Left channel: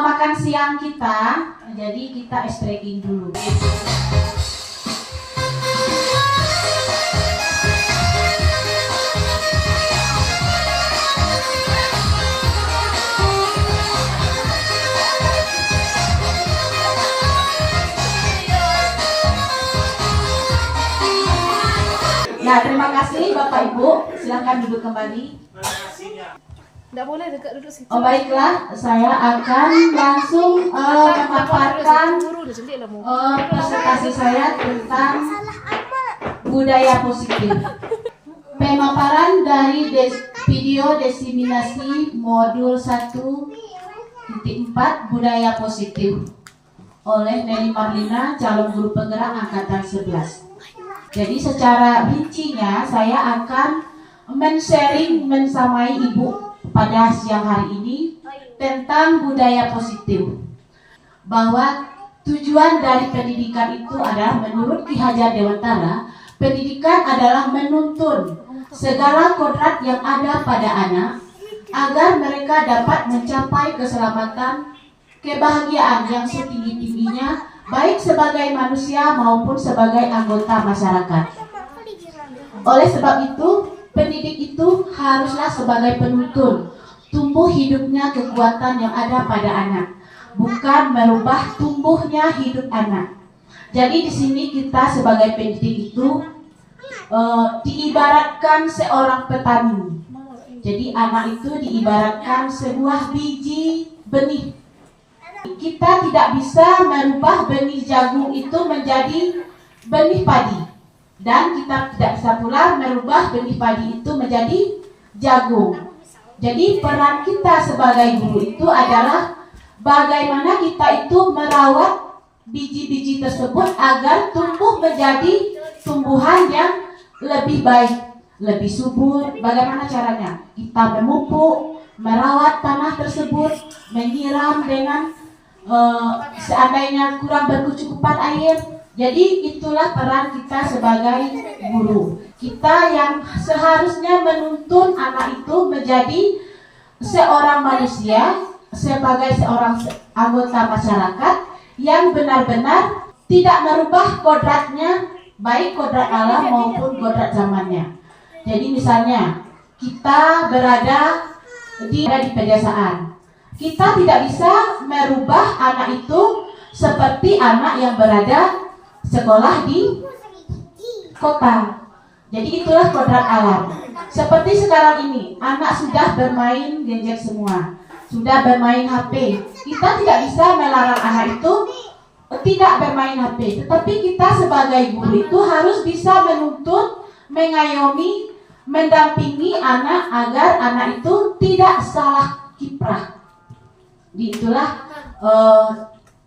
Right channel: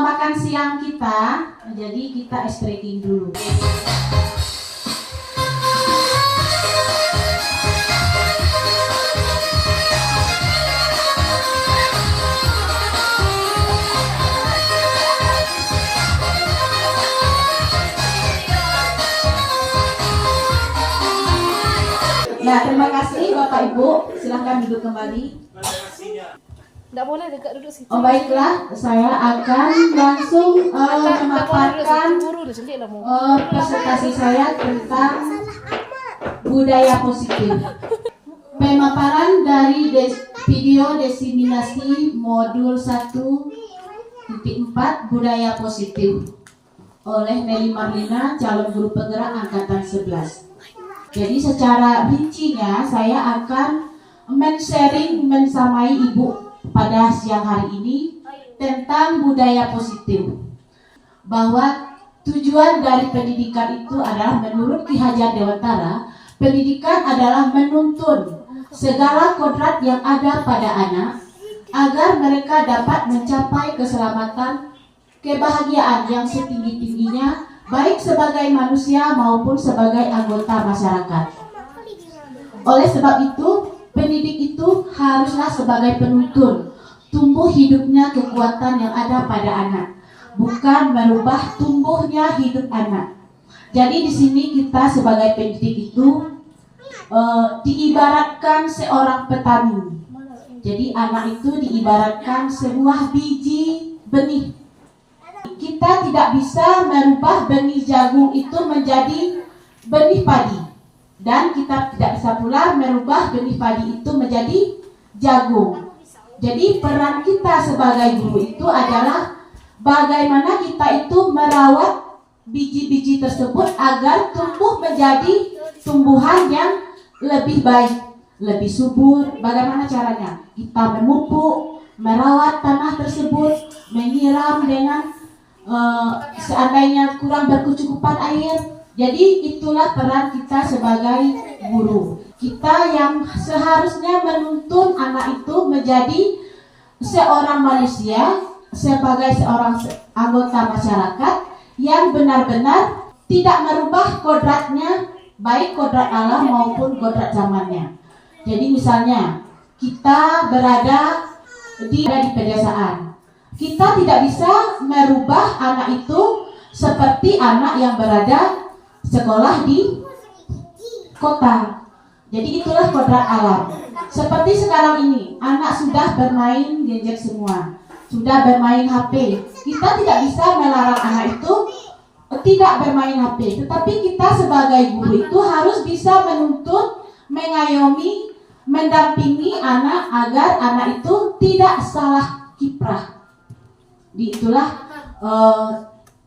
makan siang kita, jadi kita ice breaking dulu. Nah, terima kasih Bapak Ibu, silakan duduk kembali. Tidak boleh dekat duduk situ. Oh baiklah, saya akan langsung memaparkan presentasi saya tentang budaya positif. Pemaparan dari video diseminasi modul 1.4 budaya positif oleh Nelly Marlina, calon guru penggerak angkatan 11. Jadi secara rincinya saya akan men-sharing mensamai Ibu pada siang hari ini tentang budaya positif. Bahwa tujuan dari pendidikan itu adalah menurut Ki Hajar Dewantara, pendidikan adalah menuntun segala kodrat yang ada pada anak agar mereka dapat mencapai keselamatan, kebahagiaan yang setinggi-tingginya baik sebagai manusia maupun sebagai anggota masyarakat. Oleh sebab itu, pendidik itu haruslah sebagai penuntun tumbuh hidupnya kekuatan yang ada pada anak, bukan merubah tumbuhnya hidup anak. Jadi di sini kita sebagai pendidik itu diibaratkan seorang petani. Jadi anak itu diibaratkan sebuah biji benih. Kita tidak bisa merubah benih jagung itu menjadi benih padi, dan kita tidak bisa pula merubah benih padi itu menjadi jagung. Jadi peran kita sebagai guru itu adalah bagaimana kita itu merawat biji-biji tersebut agar tumbuh menjadi tumbuhan yang lebih baik, lebih subur. Bagaimana caranya? Kita memupuk, merawat tanah tersebut, menyiram dengan seandainya kurang berkecukupan air. Jadi itulah peran kita sebagai guru. Kita yang seharusnya menuntun anak itu menjadi seorang manusia, sebagai seorang anggota masyarakat yang benar-benar tidak merubah kodratnya, baik kodrat alam maupun kodrat zamannya. Jadi misalnya kita berada di pedesaan, kita tidak bisa merubah anak itu seperti anak yang berada sekolah di kota. Jadi itulah kodrat alam. Seperti sekarang ini, anak sudah bermain gadget semua, sudah bermain HP. Kita tidak bisa melarang anak itu tidak bermain HP, tetapi kita sebagai guru itu harus bisa menuntun, mengayomi, mendampingi anak agar anak itu tidak salah kiprah. Itulah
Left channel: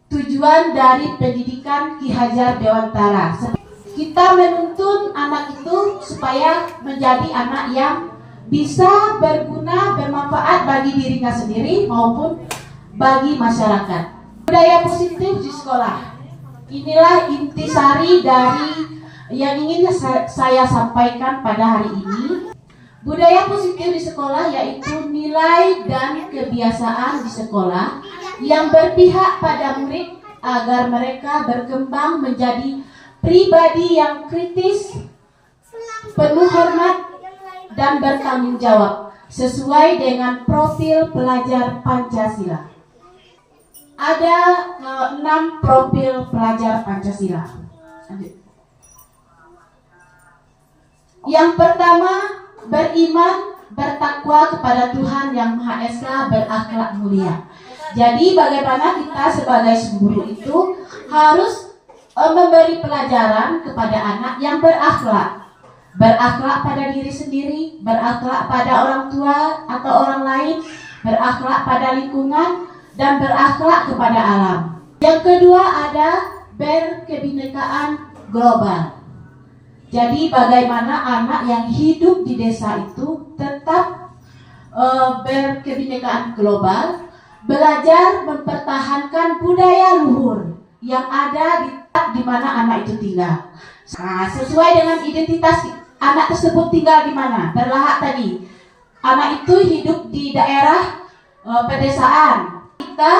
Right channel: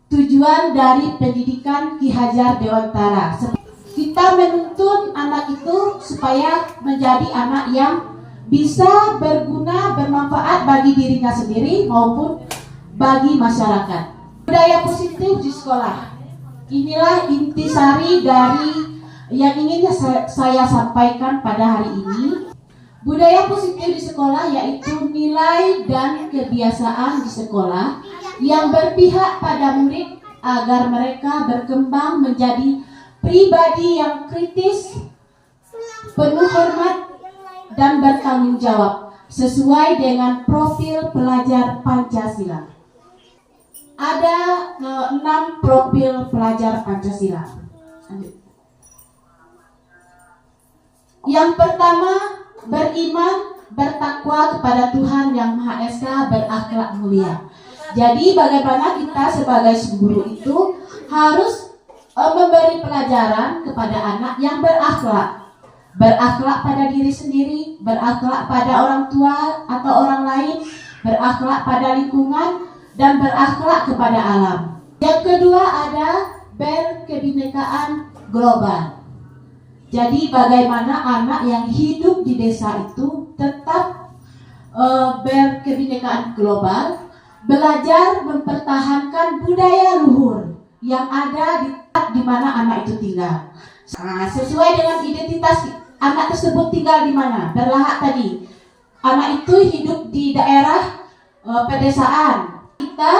tujuan dari pendidikan Ki Hajar Dewantara. Kita menuntun anak itu supaya menjadi anak yang bisa berguna, bermanfaat bagi dirinya sendiri maupun bagi masyarakat. Budaya positif di sekolah. Inilah intisari dari yang ingin saya sampaikan pada hari ini. Budaya positif di sekolah yaitu nilai dan kebiasaan di sekolah yang berpihak pada murid agar mereka berkembang menjadi pribadi yang kritis, penuh hormat, dan bertanggung jawab sesuai dengan profil pelajar Pancasila. Ada 6 profil pelajar Pancasila. Yang pertama, beriman, bertakwa kepada Tuhan Yang Maha Esa, berakhlak mulia. Jadi bagaimana kita sebagai guru itu harus memberi pelajaran kepada anak yang berakhlak. Berakhlak pada diri sendiri, berakhlak pada orang tua atau orang lain, berakhlak pada lingkungan, dan berakhlak kepada alam. Yang kedua ada berkebinekaan global. Jadi bagaimana anak yang hidup di desa itu tetap berkebinekaan global, belajar mempertahankan budaya luhur yang ada di mana anak itu tinggal. Nah, sesuai dengan identitas anak tersebut tinggal di mana, berlahak tadi. Anak itu hidup di daerah pedesaan. Kita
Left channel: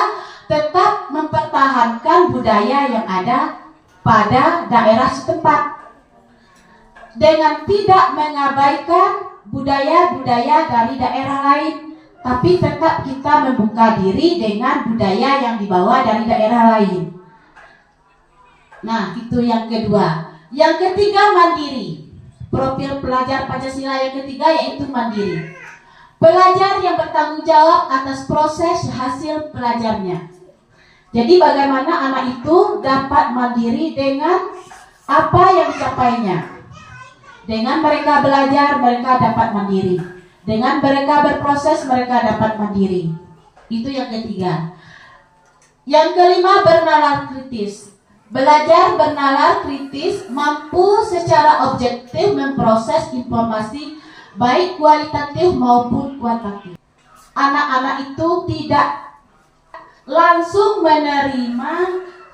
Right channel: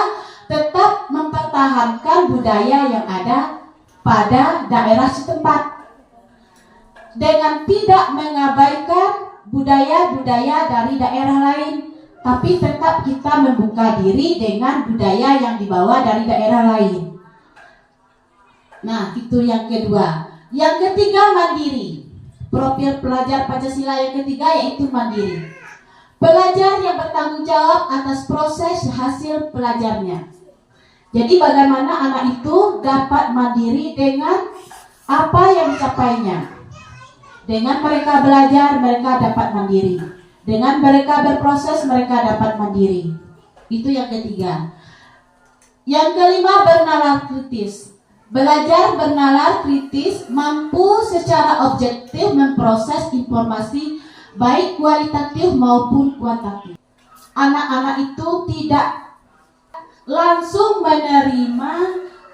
tetap mempertahankan budaya yang ada pada daerah setempat dengan tidak mengabaikan budaya-budaya dari daerah lain, tapi tetap kita membuka diri dengan budaya yang dibawa dari daerah lain. Nah, itu yang kedua. Yang ketiga, mandiri. Profil pelajar Pancasila yang ketiga yaitu mandiri. Pelajar yang bertanggung jawab atas proses hasil pelajarnya. Jadi bagaimana anak itu dapat mandiri dengan apa yang dicapainya. Dengan mereka belajar, mereka dapat mandiri. Dengan mereka berproses, mereka dapat mandiri. Itu yang ketiga. Yang kelima, bernalar kritis. Belajar bernalar kritis, mampu secara objektif memproses informasi baik kualitatif maupun kuantitatif. Anak-anak itu tidak langsung menerima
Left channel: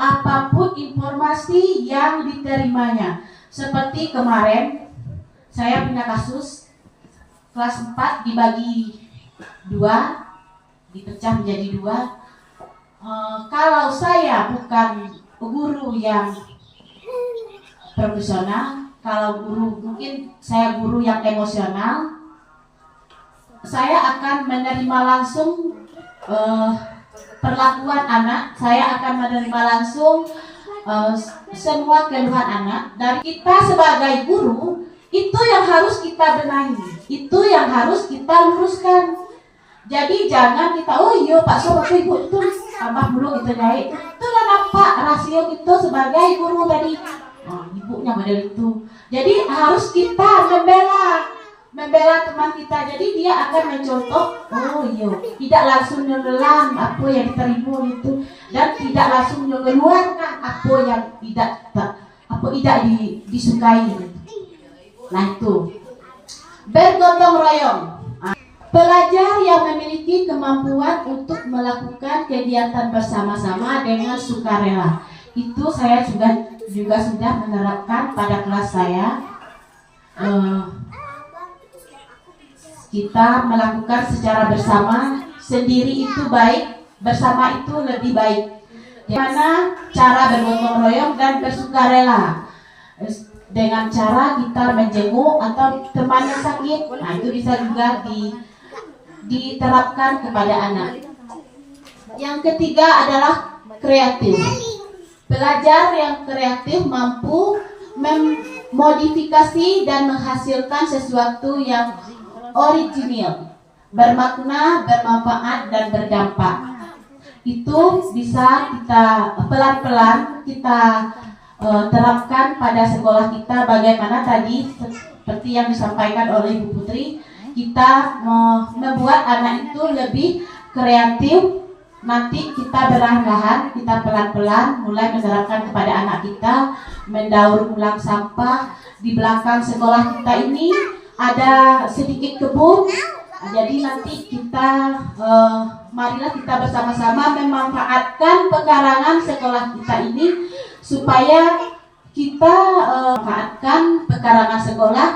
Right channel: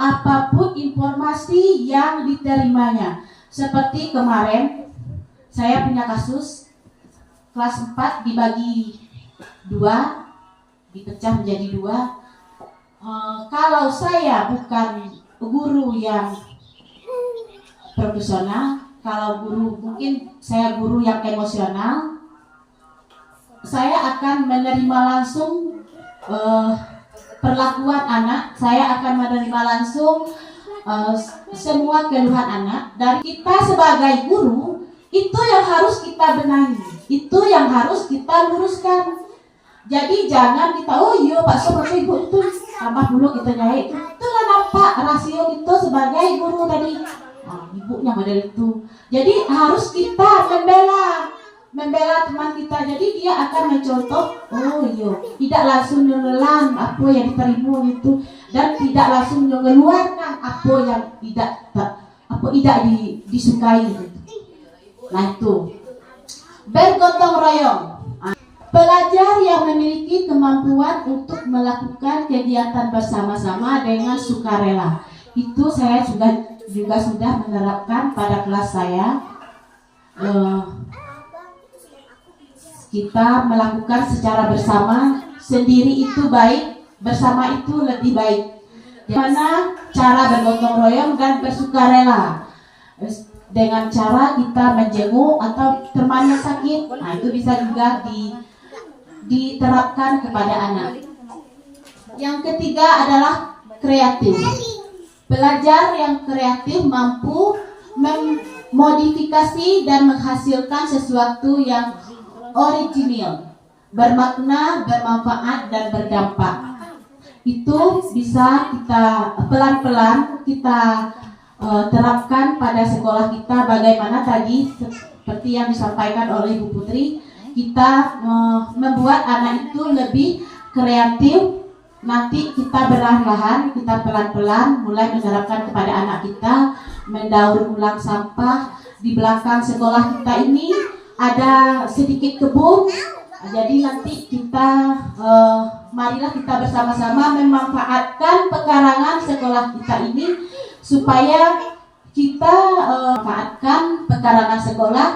apapun informasi yang diterimanya. Seperti kemarin saya punya kasus kelas 4 dibagi 2, dipecah menjadi 2. Kalau saya bukan guru yang profesional, kalau guru mungkin saya guru yang emosional, saya akan menerima langsung perlakuan anak, saya akan menerima langsung semua keluhan anak. Dan kita sebagai guru, itu yang harus kita benahi, itu yang harus kita luruskan. Jadi jangan kita, oh iya Pak Sob, Pak Ibu itu tambah dulu gitu nyai. Itu lah nampak rasio kita sebagai guru tadi. Nah, ibunya model itu. Jadi harus kita membela teman kita. Jadi dia akan mencontoh, oh iya, tidak langsung menelan apa yang diterima itu, dan tidak langsung mengeluarkan apa yang tidak disukai gitu. Nah itu bergotong royong. Pelajar yang memiliki kemampuan untuk melakukan kegiatan bersama-sama dengan sukarela. Itu saya juga sudah menerapkan pada kelas saya. Kita melakukan secara bersama, sendiri itu baik, bersama itu lebih baik. Gimana cara bergotong royong dan bersukarela? Dengan cara kita menjenguk atau teman yang sakit, nah itu bisa juga diterapkan kepada anak. Yang ketiga adalah kreatif. Pelajar yang kreatif mampu memodifikasi dan menghasilkan sesuatu yang original, bermakna, bermanfaat, dan berdampak. Itu bisa kita pelan-pelan kita terapkan pada sekolah kita. Bagaimana tadi seperti yang disampaikan oleh Bu Putri, kita membuat anak itu lebih kreatif. Nanti kita perlahan-lahan, kita pelan-pelan mulai menerapkan kepada anak kita mendaur ulang sampah. Di belakang sekolah kita ini ada sedikit kebun. Jadi nanti kita marilah kita bersama-sama memanfaatkan pekarangan sekolah kita ini supaya kita manfaatkan pekarangan sekolah.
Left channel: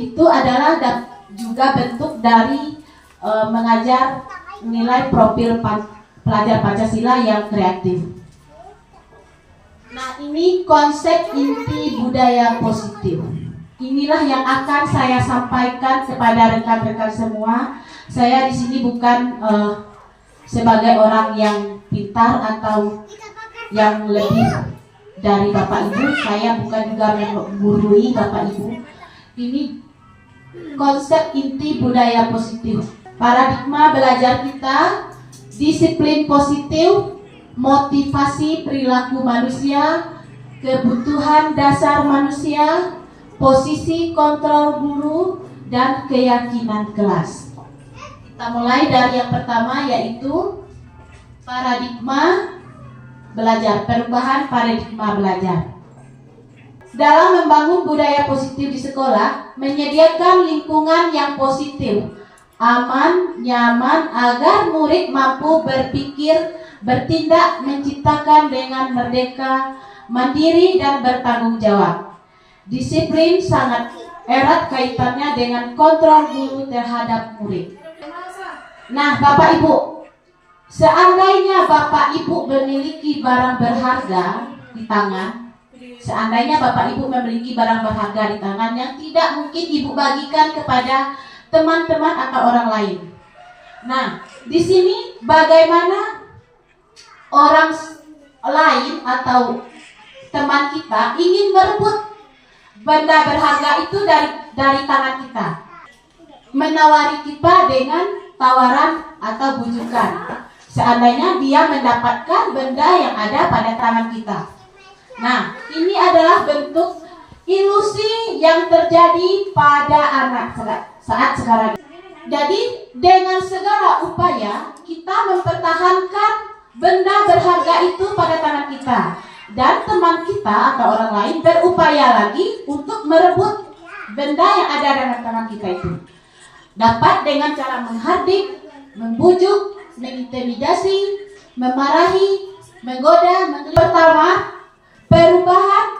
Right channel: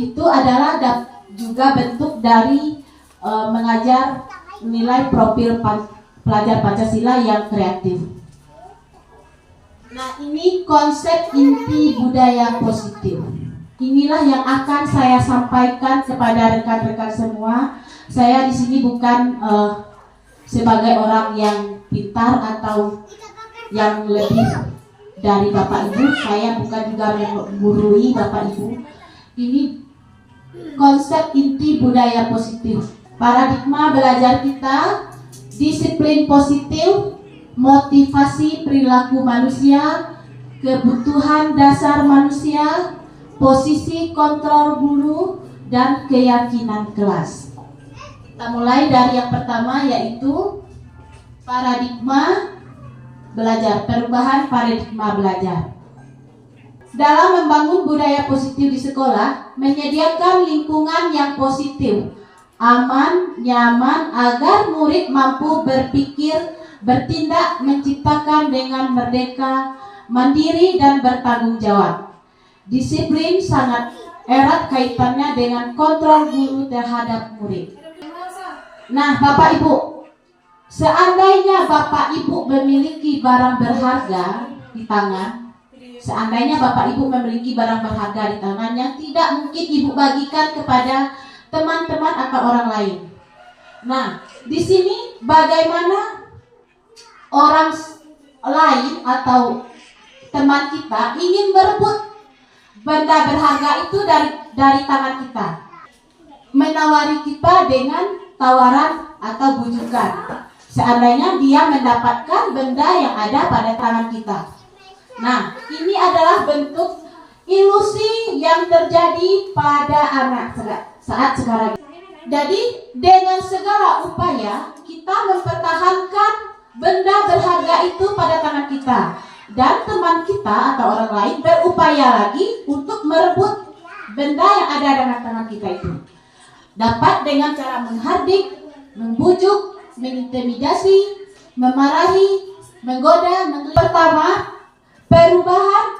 Itu adalah juga bentuk dari mengajar nilai profil pelajar Pancasila yang kreatif. Nah, ini konsep inti budaya positif. Inilah yang akan saya sampaikan kepada rekan-rekan semua. Saya di sini bukan sebagai orang yang pintar atau yang lebih dari Bapak Ibu. Saya bukan juga menggurui Bapak Ibu. Ini konsep inti budaya positif. Paradigma belajar kita, disiplin positif, motivasi perilaku manusia, kebutuhan dasar manusia, posisi kontrol guru, dan keyakinan kelas. Kita mulai dari yang pertama, yaitu paradigma belajar, perubahan paradigma belajar. Dalam membangun budaya positif di sekolah, menyediakan lingkungan yang positif, aman, nyaman, agar murid mampu berpikir, bertindak, menciptakan dengan merdeka, mandiri, dan bertanggung jawab. Disiplin sangat erat kaitannya dengan kontrol guru terhadap murid. Nah, Bapak Ibu, Seandainya Bapak Ibu memiliki barang berharga di tangan, seandainya Bapak Ibu memiliki barang berharga di tangan yang tidak mungkin Ibu bagikan kepada teman-teman atau orang lain. Nah, di sini bagaimana orang lain atau teman kita ingin merebut benda berharga itu dari tangan kita, menawari kita dengan tawaran atau bujukan. Seandainya dia mendapatkan benda yang ada pada tangan kita. Nah, ini adalah bentuk ilusi yang terjadi pada anak saat sekarang. Jadi, dengan segala upaya kita mempertahankan benda berharga itu pada tangan kita. Dan teman kita atau orang lain berupaya lagi untuk merebut benda yang ada dalam tangan kita itu. Dapat dengan cara menghardik, membujuk, mengintimidasi, memarahi, menggoda. Pertama, perubahan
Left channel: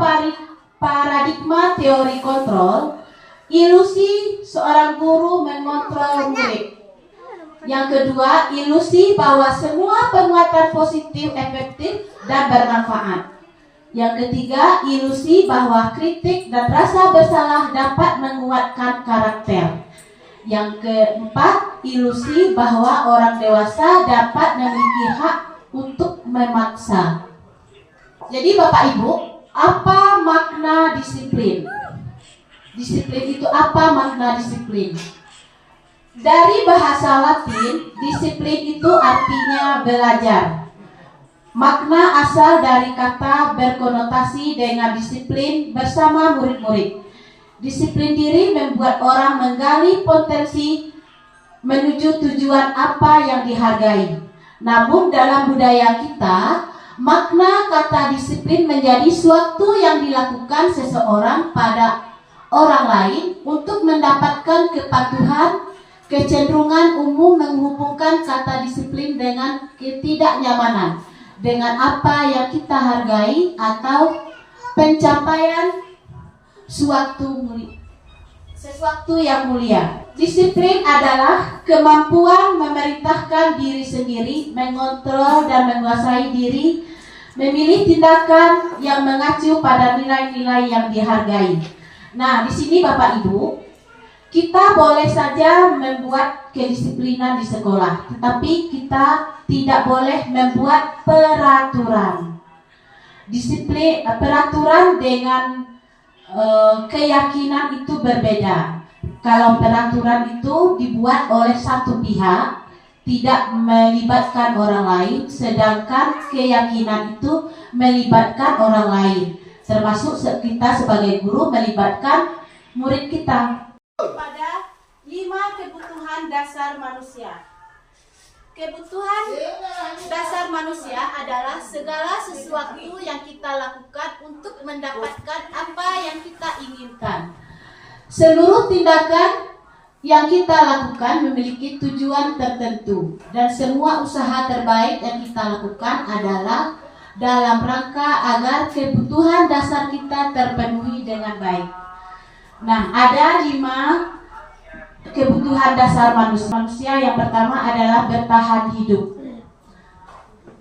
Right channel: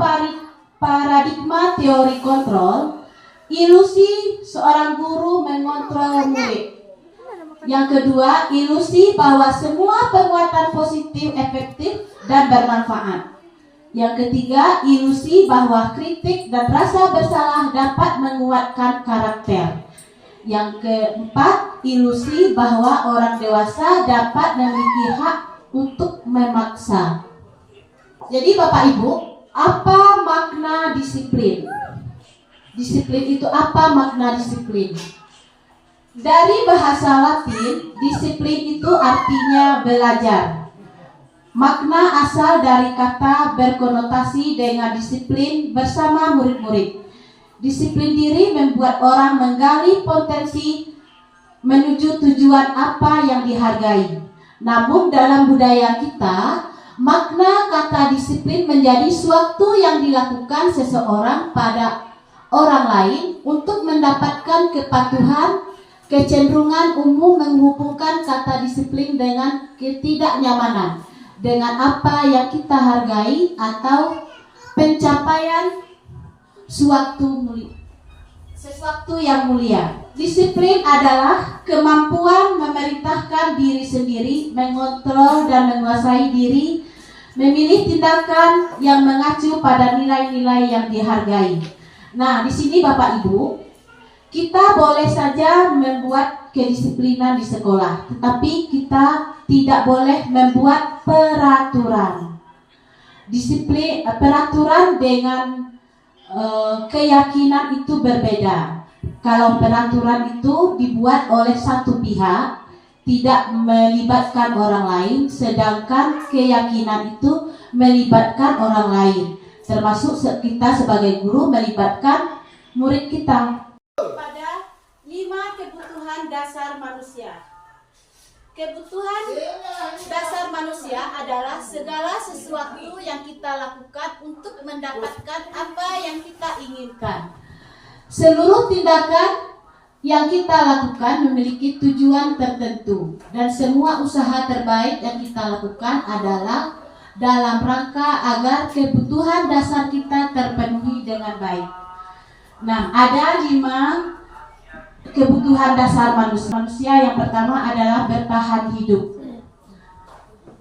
paradigma teori kontrol, ilusi seorang guru mengontrol murid. Yang kedua, ilusi bahwa semua penguatan positif efektif dan bermanfaat. Yang ketiga, ilusi bahwa kritik dan rasa bersalah dapat menguatkan karakter. Yang keempat, ilusi bahwa orang dewasa dapat memiliki hak untuk memaksa. Jadi Bapak Ibu, apa makna disiplin? Disiplin itu apa makna disiplin? Dari bahasa Latin, disiplin itu artinya belajar. Makna asal dari kata berkonotasi dengan disiplin bersama murid-murid. Disiplin diri membuat orang menggali potensi menuju tujuan apa yang dihargai. Namun dalam budaya kita, makna kata disiplin menjadi suatu yang dilakukan seseorang pada orang lain untuk mendapatkan kepatuhan. Kecenderungan umum menghubungkan kata disiplin dengan ketidaknyamanan, dengan apa yang kita hargai atau pencapaian sesuatu yang mulia. Disiplin adalah kemampuan memerintahkan diri sendiri, mengontrol dan menguasai diri, memilih tindakan yang mengacu pada nilai-nilai yang dihargai. Nah, di sini Bapak Ibu, kita boleh saja membuat kedisiplinan di sekolah, tetapi kita tidak boleh membuat peraturan. Peraturan dengan keyakinan itu berbeda. Kalau peraturan itu dibuat oleh satu pihak, tidak melibatkan orang lain, sedangkan keyakinan itu melibatkan orang lain, termasuk kita sebagai guru melibatkan murid kita. Pada 5 kebutuhan dasar manusia. Kebutuhan dasar manusia adalah segala sesuatu yang kita lakukan untuk mendapatkan apa yang kita inginkan. Seluruh tindakan yang kita lakukan memiliki tujuan tertentu, dan semua usaha terbaik yang kita lakukan adalah dalam rangka agar kebutuhan dasar kita terpenuhi dengan baik. Nah, ada 5 kebutuhan dasar manusia. Yang pertama adalah bertahan hidup.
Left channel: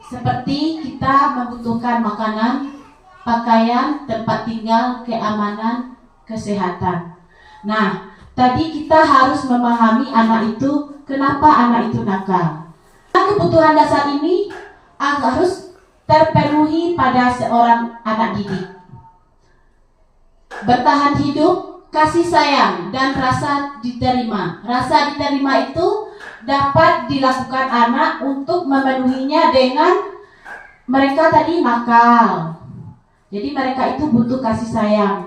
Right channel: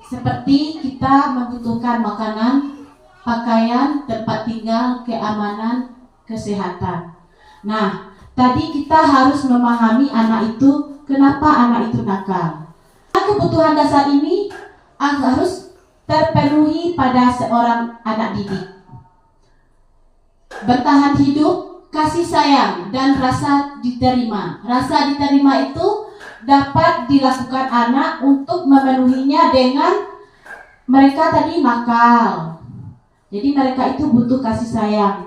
Seperti kita membutuhkan makanan, pakaian, tempat tinggal, keamanan, kesehatan. Nah, tadi kita harus memahami anak itu, kenapa anak itu nakal. Kebutuhan dasar ini harus terpenuhi pada seorang anak didik. Bertahan hidup, kasih sayang dan rasa diterima. Rasa diterima itu dapat dilakukan anak untuk memenuhinya dengan mereka tadi nakal. Jadi mereka itu butuh kasih sayang.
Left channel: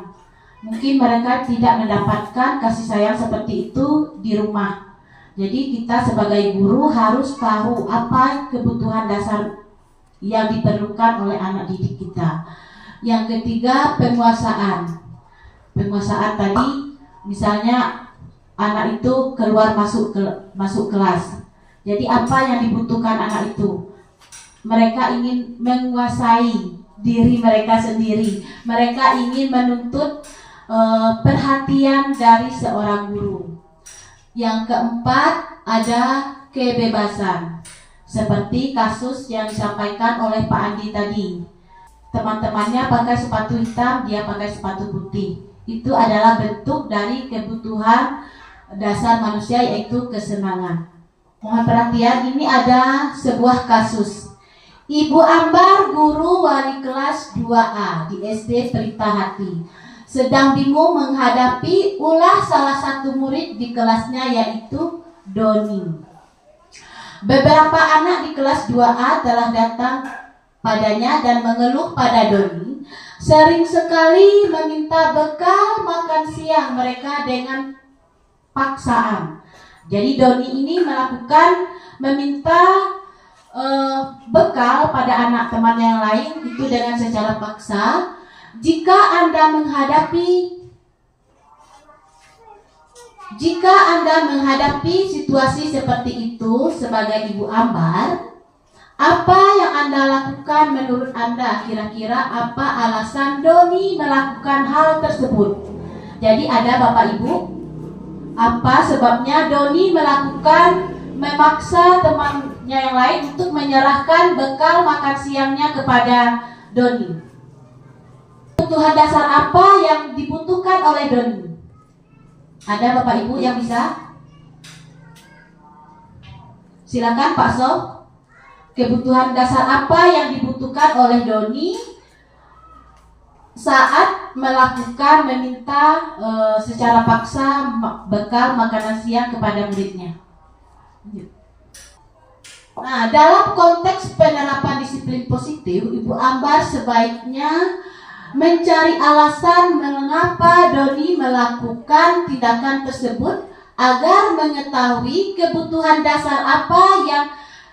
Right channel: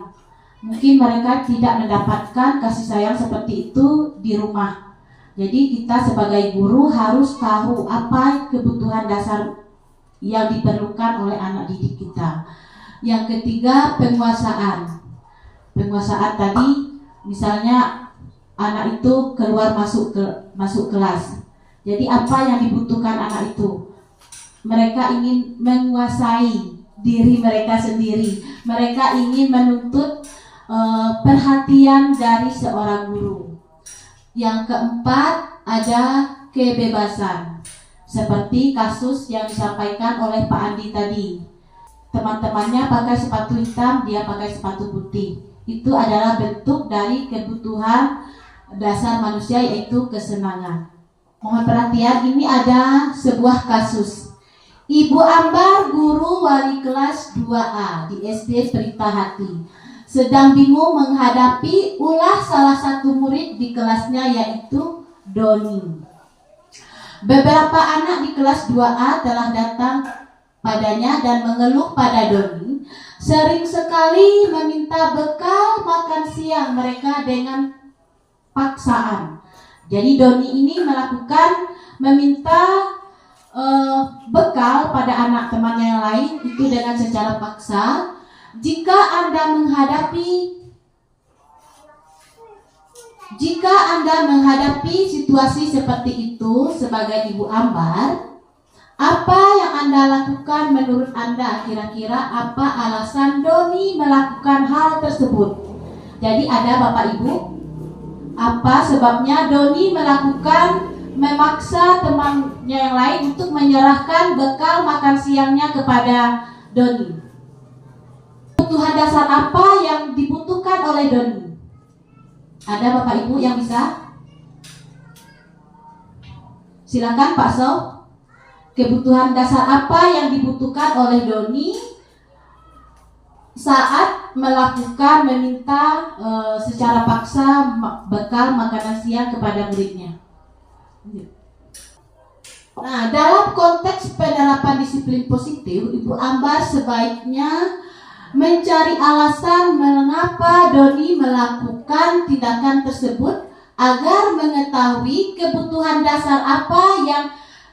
Mungkin mereka tidak mendapatkan kasih sayang seperti itu di rumah. Jadi kita sebagai guru harus tahu apa kebutuhan dasar yang diperlukan oleh anak didik kita. Yang ketiga, penguasaan. Penguasaan tadi, misalnya anak itu keluar masuk kelas. Jadi apa yang dibutuhkan anak itu? Mereka ingin menguasai diri mereka sendiri. Mereka ingin menuntut perhatian dari seorang guru. Yang keempat, ada kebebasan. Seperti kasus yang disampaikan oleh Pak Andi tadi. Teman-temannya pakai sepatu hitam, dia pakai sepatu putih. Itu adalah bentuk dari kebutuhan dasar manusia, yaitu kesenangan. Mohon perhatian, ini ada sebuah kasus. Ibu Ambar, guru wali kelas 2A di SD Pelita Hati, sedang bingung menghadapi ulah salah satu murid di kelasnya, yaitu Doni. Beberapa anak di kelas 2A telah datang padanya dan mengeluh pada Doni, sering sekali meminta bekal makan siang mereka dengan paksaan. Jadi Doni ini meminta bekal pada anak teman yang lain itu dengan secara paksa. Jika Anda menghadapi situasi seperti itu sebagai Ibu Ambar, apa yang Anda lakukan menurut Anda? Kira-kira apa alasan Doni melakukan hal tersebut? Jadi ada Bapak Ibu, apa sebabnya Doni memaksa temannya yang lain untuk menyerahkan bekal makan siangnya kepada Doni? Kebutuhan dasar apa yang dibutuhkan oleh Doni? Ada Bapak Ibu yang bisa? Silakan Pak So. Kebutuhan dasar apa yang dibutuhkan oleh Doni saat meminta secara paksa bekal makanan siang kepada muridnya? Nah, dalam konteks penerapan disiplin positif, Ibu Ambar sebaiknya mencari alasan mengapa Doni melakukan tindakan tersebut agar mengetahui kebutuhan dasar apa yang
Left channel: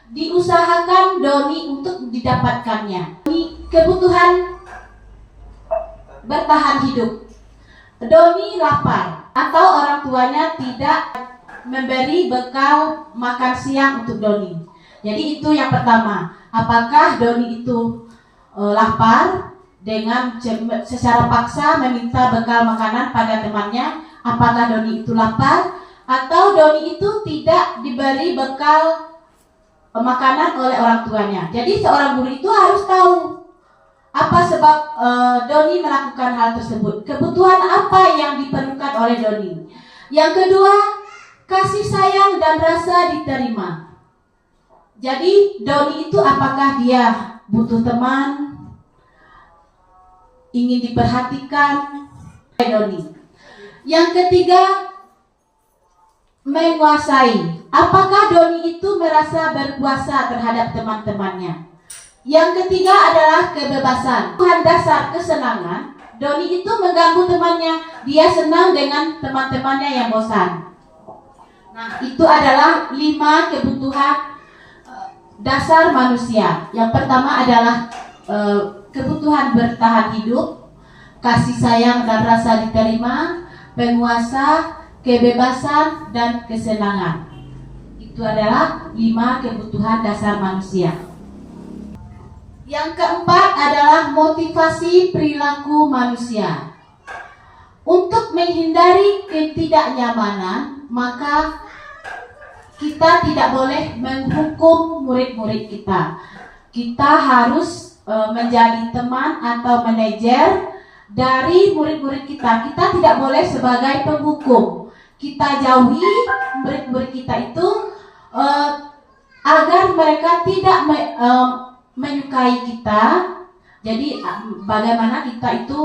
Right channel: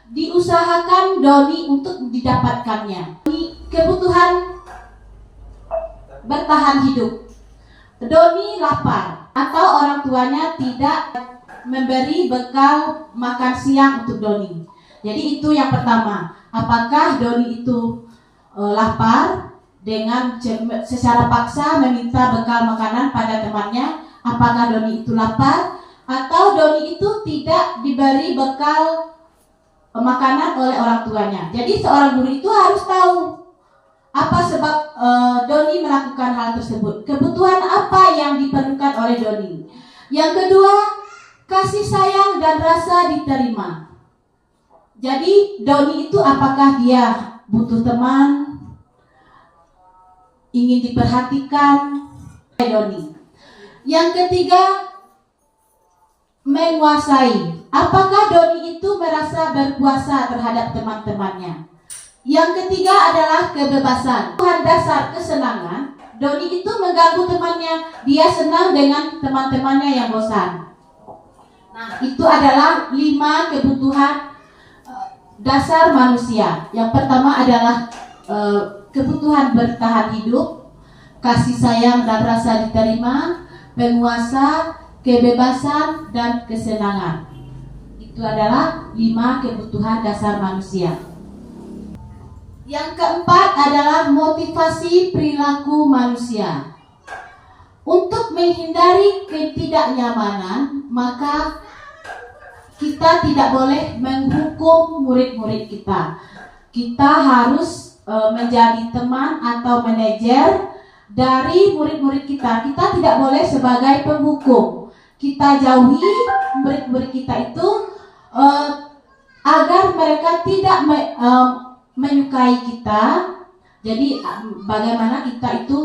diusahakan Doni untuk didapatkannya. Kebutuhan bertahan hidup. Doni lapar atau orang tuanya tidak memberi bekal makan siang untuk Doni. Jadi itu yang pertama. Apakah Doni itu lapar dengan secara paksa meminta bekal makanan pada temannya? Apakah Doni itu lapar atau Doni itu tidak diberi bekal makanan oleh orang tuanya? Jadi seorang guru itu harus tahu apa sebab Doni melakukan hal tersebut. Kebutuhan apa yang diperlukan oleh Doni. Yang kedua, kasih sayang dan rasa diterima. Jadi Doni itu apakah dia butuh teman, ingin diperhatikan? Doni. Yang ketiga, menguasai. Apakah Doni itu merasa berkuasa terhadap teman-temannya? Yang ketiga adalah kebebasan. Kebutuhan dasar kesenangan. Doni itu mengganggu temannya. Dia senang dengan teman-temannya yang bosan. Nah, itu adalah 5 kebutuhan dasar manusia. Yang pertama adalah kebutuhan bertahan hidup, kasih sayang dan rasa diterima, penguasa, kebebasan, dan kesenangan. Itu adalah 5 kebutuhan dasar manusia. Yang keempat adalah motivasi perilaku manusia. Untuk menghindari ketidaknyamanan, maka kita tidak boleh menghukum murid-murid kita. Kita harus menjadi teman atau manajer dari murid-murid kita. Kita tidak boleh sebagai penghukum. Kita jauhi murid-murid kita itu agar mereka tidak menyukai kita. Jadi bagaimana kita itu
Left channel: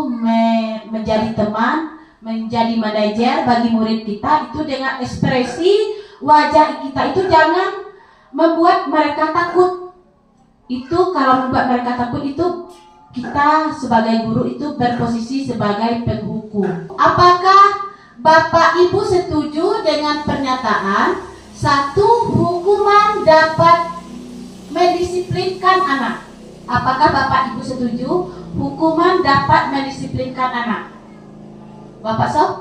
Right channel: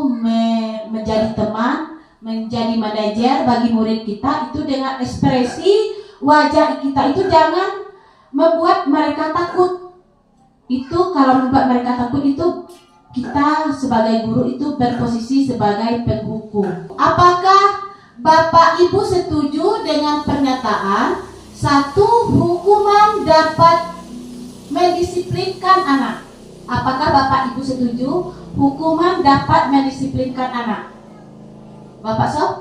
menjadi teman, menjadi manajer bagi murid kita itu dengan ekspresi wajah kita itu jangan membuat mereka takut. Itu kalau membuat mereka takut itu kita sebagai guru itu berposisi sebagai penghukum. Apakah Bapak Ibu setuju dengan pernyataan 1 hukuman dapat mendisiplinkan anak? Apakah Bapak Ibu setuju hukuman dapat mendisiplinkan anak? Bapak Sob?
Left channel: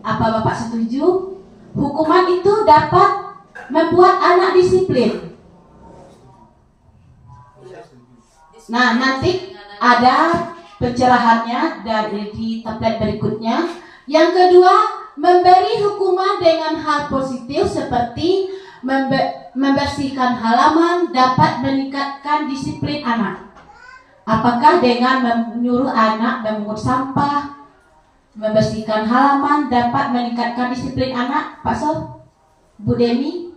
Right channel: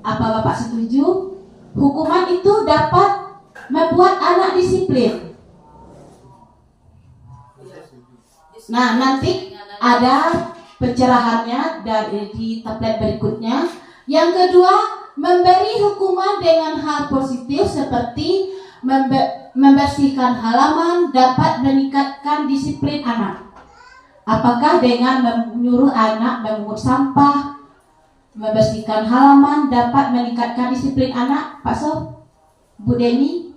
Apa Bapak setuju hukuman itu dapat membuat anak disiplin? Nah, nanti ada pencerahannya di tablet berikutnya. Yang kedua, memberi hukuman dengan hal positif seperti membersihkan halaman dapat meningkatkan disiplin anak. Apakah dengan menyuruh anak memungut sampah, membersihkan halaman dapat meningkatkan disiplin anak, Pak Sof? Bu Deni?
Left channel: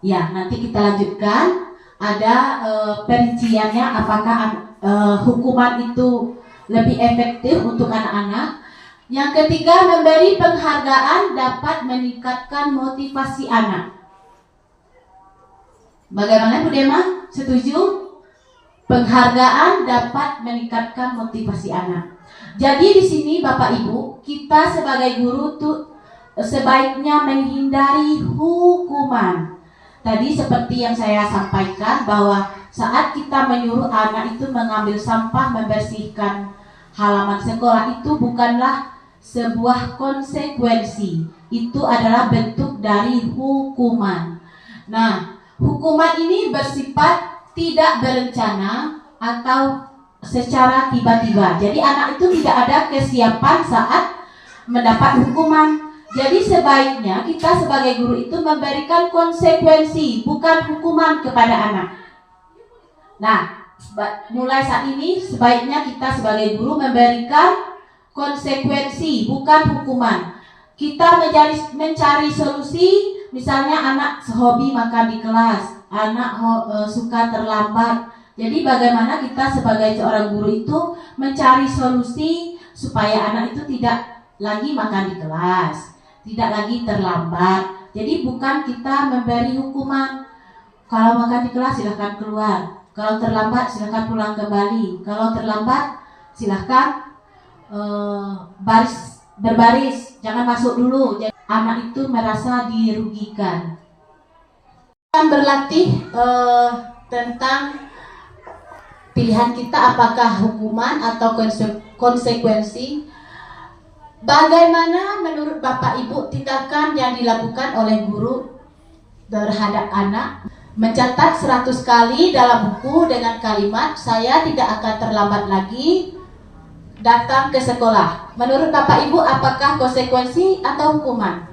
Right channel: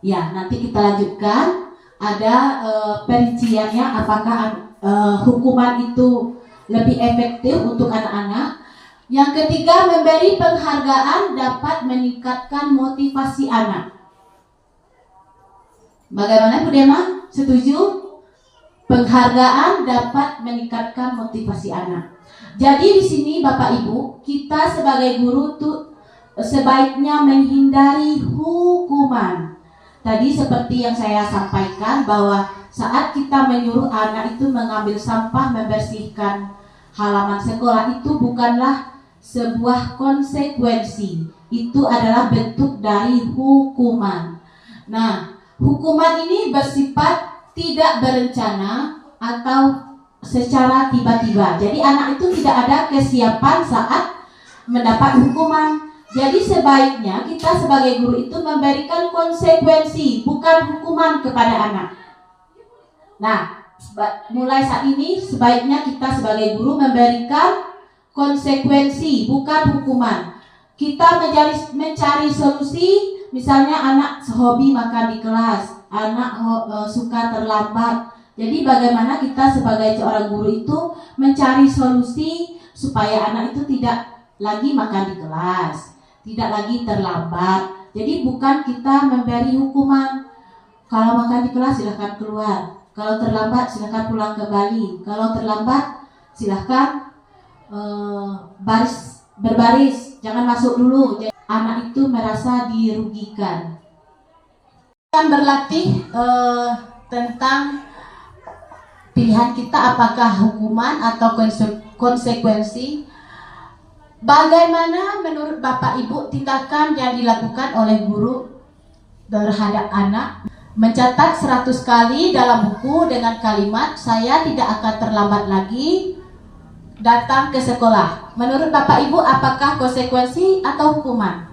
Ya, nanti kita lanjutkan. Ada perinciannya apakah hukuman itu lebih efektif untuk anak-anak. Yang ketiga, memberi penghargaan dapat meningkatkan motivasi anak. Bagaimana Bu Dema? Setuju? Penghargaan dapat meningkatkan motivasi anak. Jadi di sini Bapak Ibu, kita sebagai guru tuh sebaiknya menghindari hukuman. Tadi seperti yang saya sampaikan bahwa saat kita menyuruh anak itu mengambil sampah, membersihkan halaman sekolah itu bukanlah sebuah konsekuensi. Itu adalah bentuk dari hukuman. Nah, hukuman ini bersifat tidak berencana atau secara tiba-tiba. Jadi anak itu tidak ada kesiapan saat mendapat hukuman. Jadi sebaiknya kita sebagai guru itu memberikan konsekuensi, bukan hukuman kepada anak. Nah, mulai saat ini sebaiknya kita sebagai guru memberikan konsekuensi, bukan hukuman. Kita mencari solusi, misalnya anak hobi makan di kelas, anak suka terlambat. Jadi bagaimana kita sebagai seorang guru itu mencari solusi supaya anak itu tidak lagi makan di kelas, tidak lagi terlambat. Jadi bukan kita memberi hukuman. Kalau makan di kelas silahkan keluar, kalau terlambat silahkan pulang kembali, kalau terlambat silahkan berbaris, jangan masuk dulu. Jadi anak itu merasa dirugikan. Akan berlatih tentang pilihan kita apakah hukuman atau konsekuensi. Bagaimana menurut Bapak Ibu tindakan yang dilakukan oleh guru terhadap anak? Mencatat 100 kali dalam buku dengan kalimat saya tidak akan terlambat lagi datang ke sekolah. Menurut Bapak Ibu apakah konsekuensi atau hukuman?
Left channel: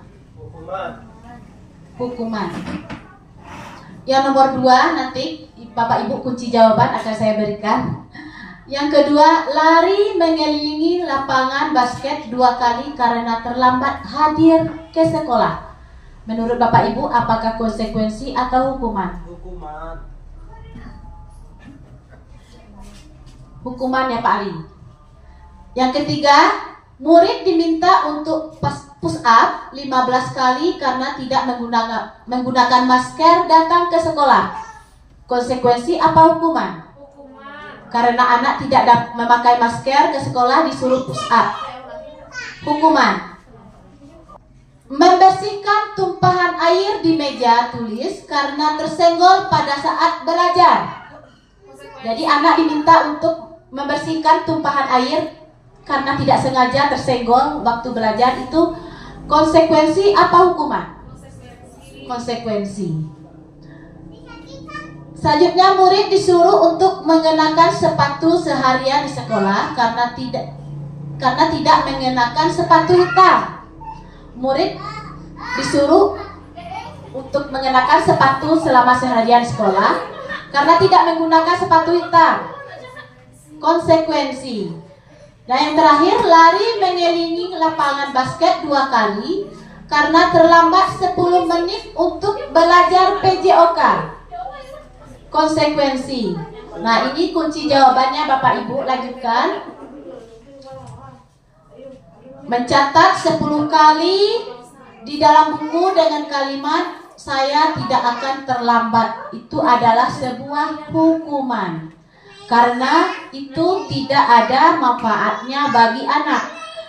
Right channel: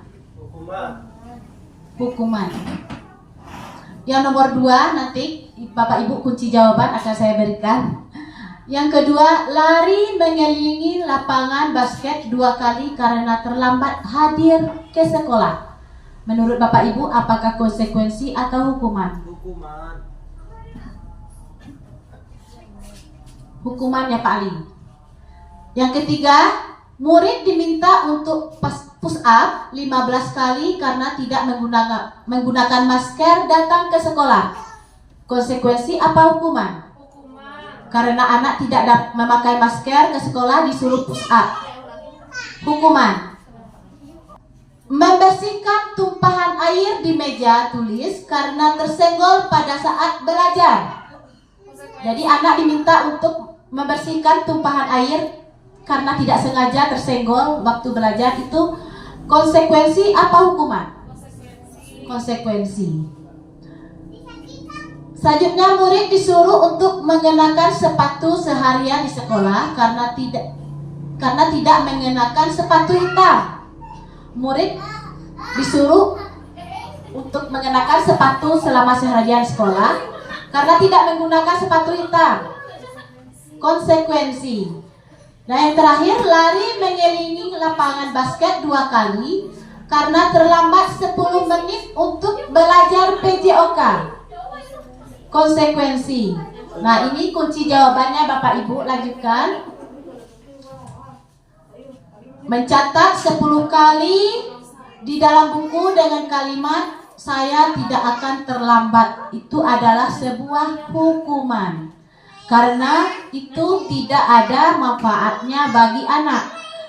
Hukuman. Yang nomor 2 nanti Bapak Ibu kunci jawaban akan saya berikan. Yang kedua, lari mengelilingi lapangan basket 2 kali karena terlambat hadir ke sekolah. Menurut Bapak Ibu, apakah konsekuensi atau hukuman? Hukuman. Hukuman ya Pak Ali. Yang ketiga, murid diminta untuk push up 15 kali karena tidak menggunakan masker datang ke sekolah. Konsekuensi apa hukuman? Karena anak tidak memakai masker ke sekolah disuruh push up. Hukuman. Membersihkan tumpahan air di meja tulis karena tersenggol pada saat belajar. Jadi anak diminta untuk membersihkan tumpahan air karena tidak sengaja tersenggol waktu belajar. Itu konsekuensi apa hukuman? Konsekuensi. Selanjutnya murid disuruh untuk mengenakan sepatu seharian di sekolah karena tidak mengenakan sepatu hitam. Murid disuruh untuk mengenakan sepatu selama seharian di sekolah karena tidak menggunakan sepatu hitam. Konsekuensi. Nah yang terakhir, lari mengelilingi lapangan basket 2 kali karena terlambat 10 menit untuk belajar PJOK. Konsekuensi. Nah ini kunci jawabannya Bapak Ibu, lanjutkan. Mencatat 10 kali di dalam buku dengan kalimat saya tidak akan terlambat. Itu adalah sebuah hukuman karena itu tidak ada manfaatnya bagi anak.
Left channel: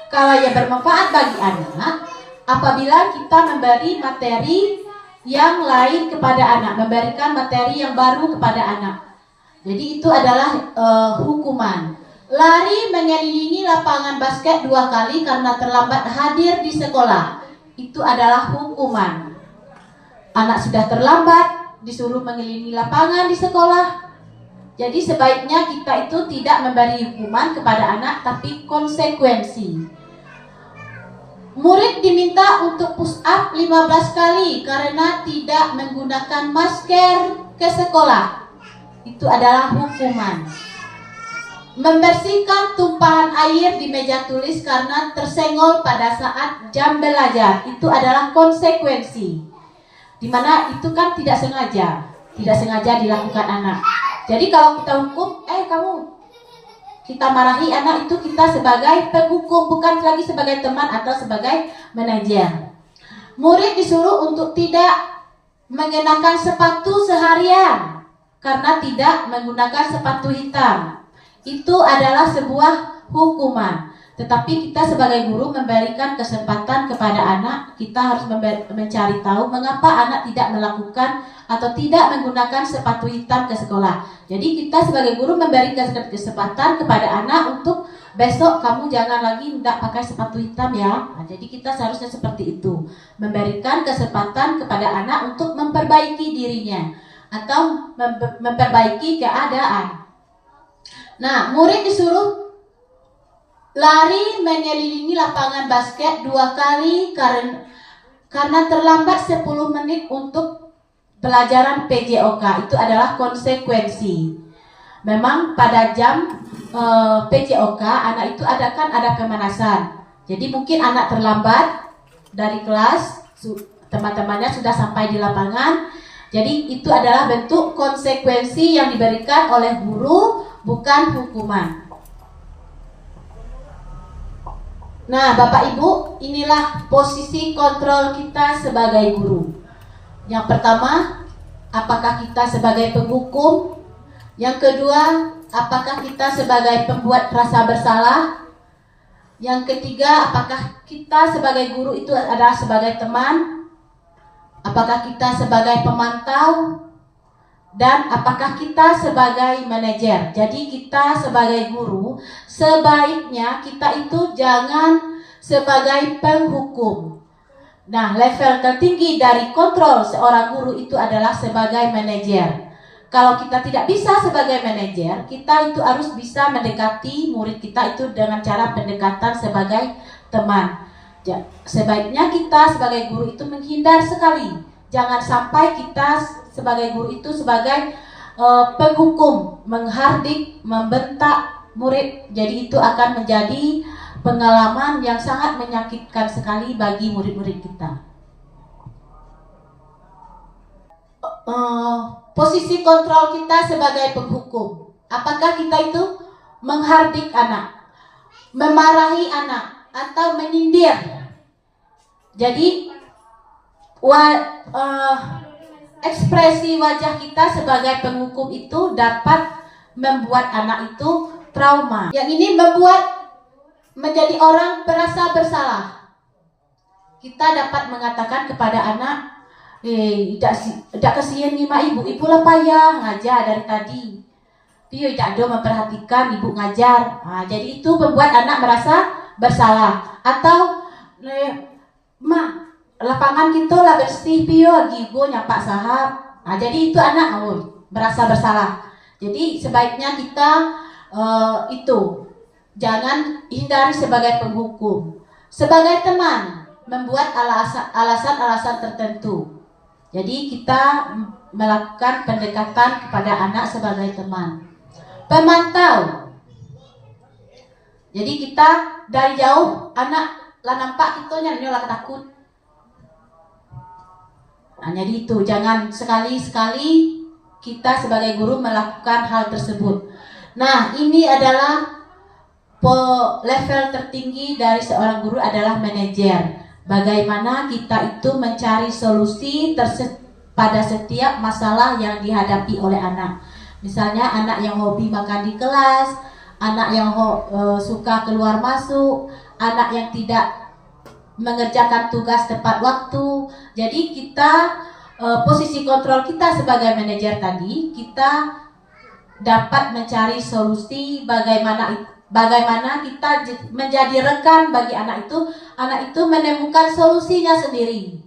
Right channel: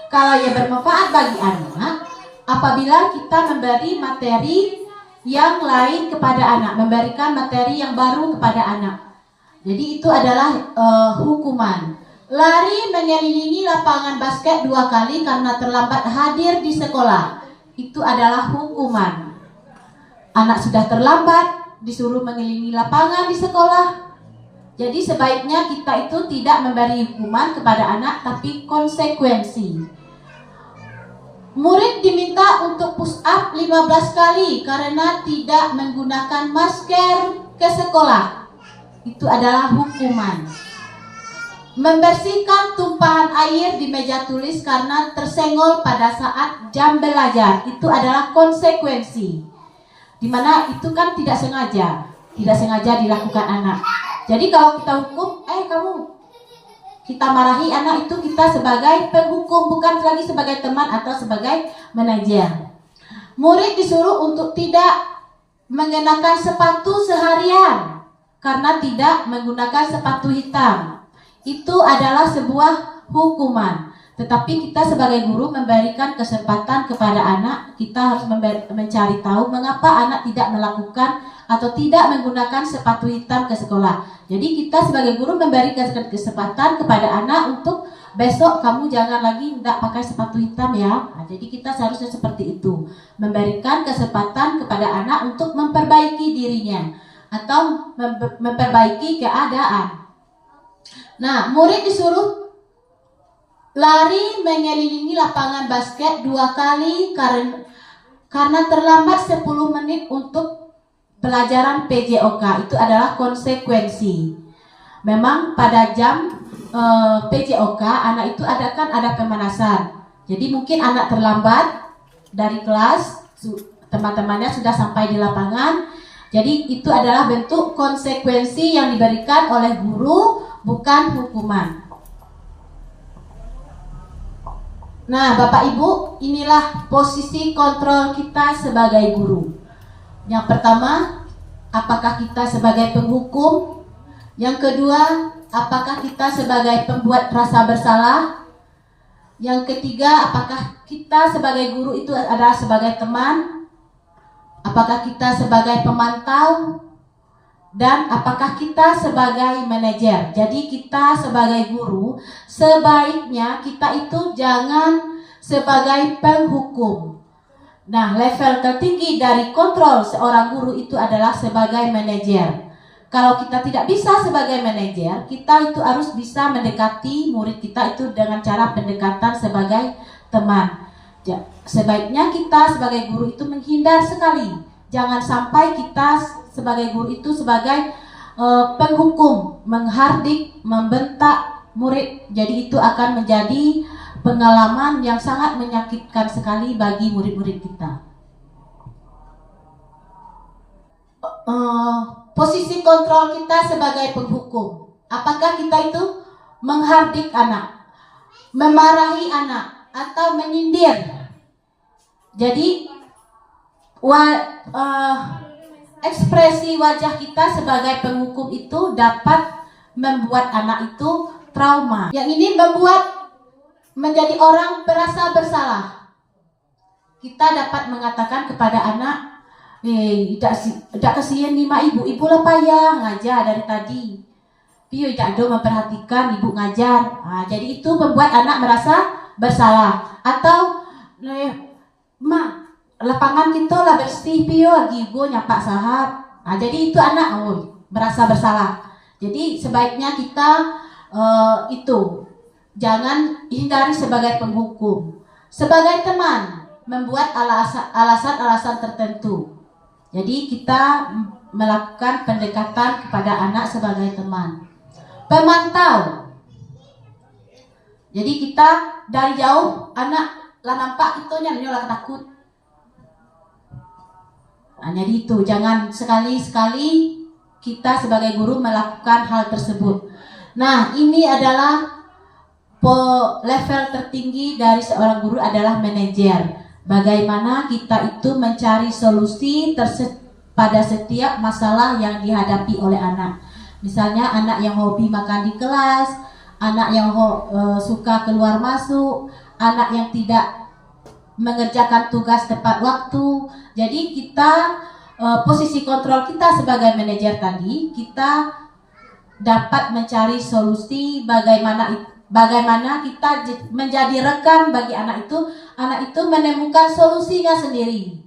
Kalau yang bermanfaat bagi anak apabila kita memberi materi yang lain kepada anak, memberikan materi yang baru kepada anak. Jadi itu adalah hukuman. Lari mengelilingi lapangan basket 2 kali karena terlambat hadir di sekolah. Itu adalah hukuman. Anak sudah terlambat, disuruh mengelilingi lapangan di sekolah. Jadi sebaiknya kita itu tidak memberi hukuman kepada anak, tapi konsekuensi. Murid diminta untuk push up 15 kali karena tidak menggunakan masker ke sekolah. Itu adalah hukuman. Membersihkan tumpahan air di meja tulis karena tersenggol pada saat jam belajar. Itu adalah konsekuensi. Dimana itu kan tidak sengaja dilakukan anak. Jadi kalau kita hukum, kita marahi anak itu, kita sebagai penghukum, bukan lagi sebagai teman atau sebagai manajer. Murid disuruh untuk tidak mengenakan sepatu seharian karena tidak menggunakan sepatu hitam. Itu adalah sebuah hukuman. Tetapi kita sebagai guru memberikan kesempatan kepada anak, kita harus mencari tahu mengapa anak tidak melakukan atau tidak menggunakan sepatu hitam ke sekolah. Jadi kita sebagai guru memberikan kesempatan kepada anak untuk besok kamu jangan lagi tidak pakai sepatu hitam ya. Nah, jadi kita seharusnya seperti itu, memberikan kesempatan kepada anak untuk memperbaiki dirinya atau memperbaiki keadaan. Nah, murid disuruh lari mengelilingi lapangan basket 2 kali karena terlambat 10 menit untuk pelajaran PJOK. Itu adalah konsekuensi. Memang pada jam PJOK anak itu ada pemanasan. Jadi mungkin anak terlambat dari kelas, teman-temannya sudah sampai di lapangan. Jadi itu adalah bentuk konsekuensi yang diberikan oleh guru, bukan hukuman. Nah, Bapak Ibu, inilah posisi kontrol kita sebagai guru. Yang pertama, apakah kita sebagai penghukum? Yang kedua, apakah kita sebagai pembuat rasa bersalah? Yang ketiga, apakah kita sebagai guru itu adalah sebagai teman? Apakah kita sebagai pemantau? Dan apakah kita sebagai manajer? Jadi kita sebagai guru, sebaiknya kita itu jangan sebagai penghukum. Nah, level tertinggi dari kontrol seorang guru itu adalah sebagai manajer. Kalau kita tidak bisa sebagai manajer, kita itu harus bisa mendekati murid kita itu dengan cara pendekatan sebagai teman. Sebaiknya kita sebagai guru itu menghindar sekali. Jangan sampai kita sebagai guru itu sebagai penghukum, menghardik, membentak murid. Jadi itu akan menjadi pengalaman yang sangat menyakitkan sekali bagi murid-murid kita. Posisi kontrol kita sebagai penghukum. Apakah kita itu menghardik anak, memarahi anak, atau menyindir? Jadi ekspresi wajah kita sebagai penghukum itu dapat membuat anak itu trauma. Yang ini membuat menjadi orang merasa bersalah. Kita dapat mengatakan kepada anak, tidak kasihan nih mak ibu lah payah ngajar dari tadi. Pio tidak ada memperhatikan ibu ngajar. Nah, jadi itu membuat anak merasa bersalah. Atau mak lapangan kita lah bersih pio gigo nyapak sahab. Nah, jadi itu anak merasa bersalah. Jadi sebaiknya kita jangan hindari sebagai penghukum. Sebagai teman, membuat alasan-alasan tertentu. Jadi kita melakukan pendekatan kepada anak sebagai teman. Pemantau. Jadi kita dari jauh anak lah nampak kita lah takut. Nah, jadi itu jangan sekali-sekali kita sebagai guru melakukan hal tersebut. Nah, ini adalah level tertinggi dari seorang guru adalah manajer. Bagaimana kita itu mencari solusi pada setiap masalah yang dihadapi oleh anak. Misalnya anak yang hobi makan di kelas, anak yang suka keluar masuk, anak yang tidak mengerjakan tugas tepat waktu. Jadi kita posisi kontrol kita sebagai manajer tadi, kita dapat mencari solusi bagaimana kita menjadi rekan bagi anak itu menemukan solusinya sendiri.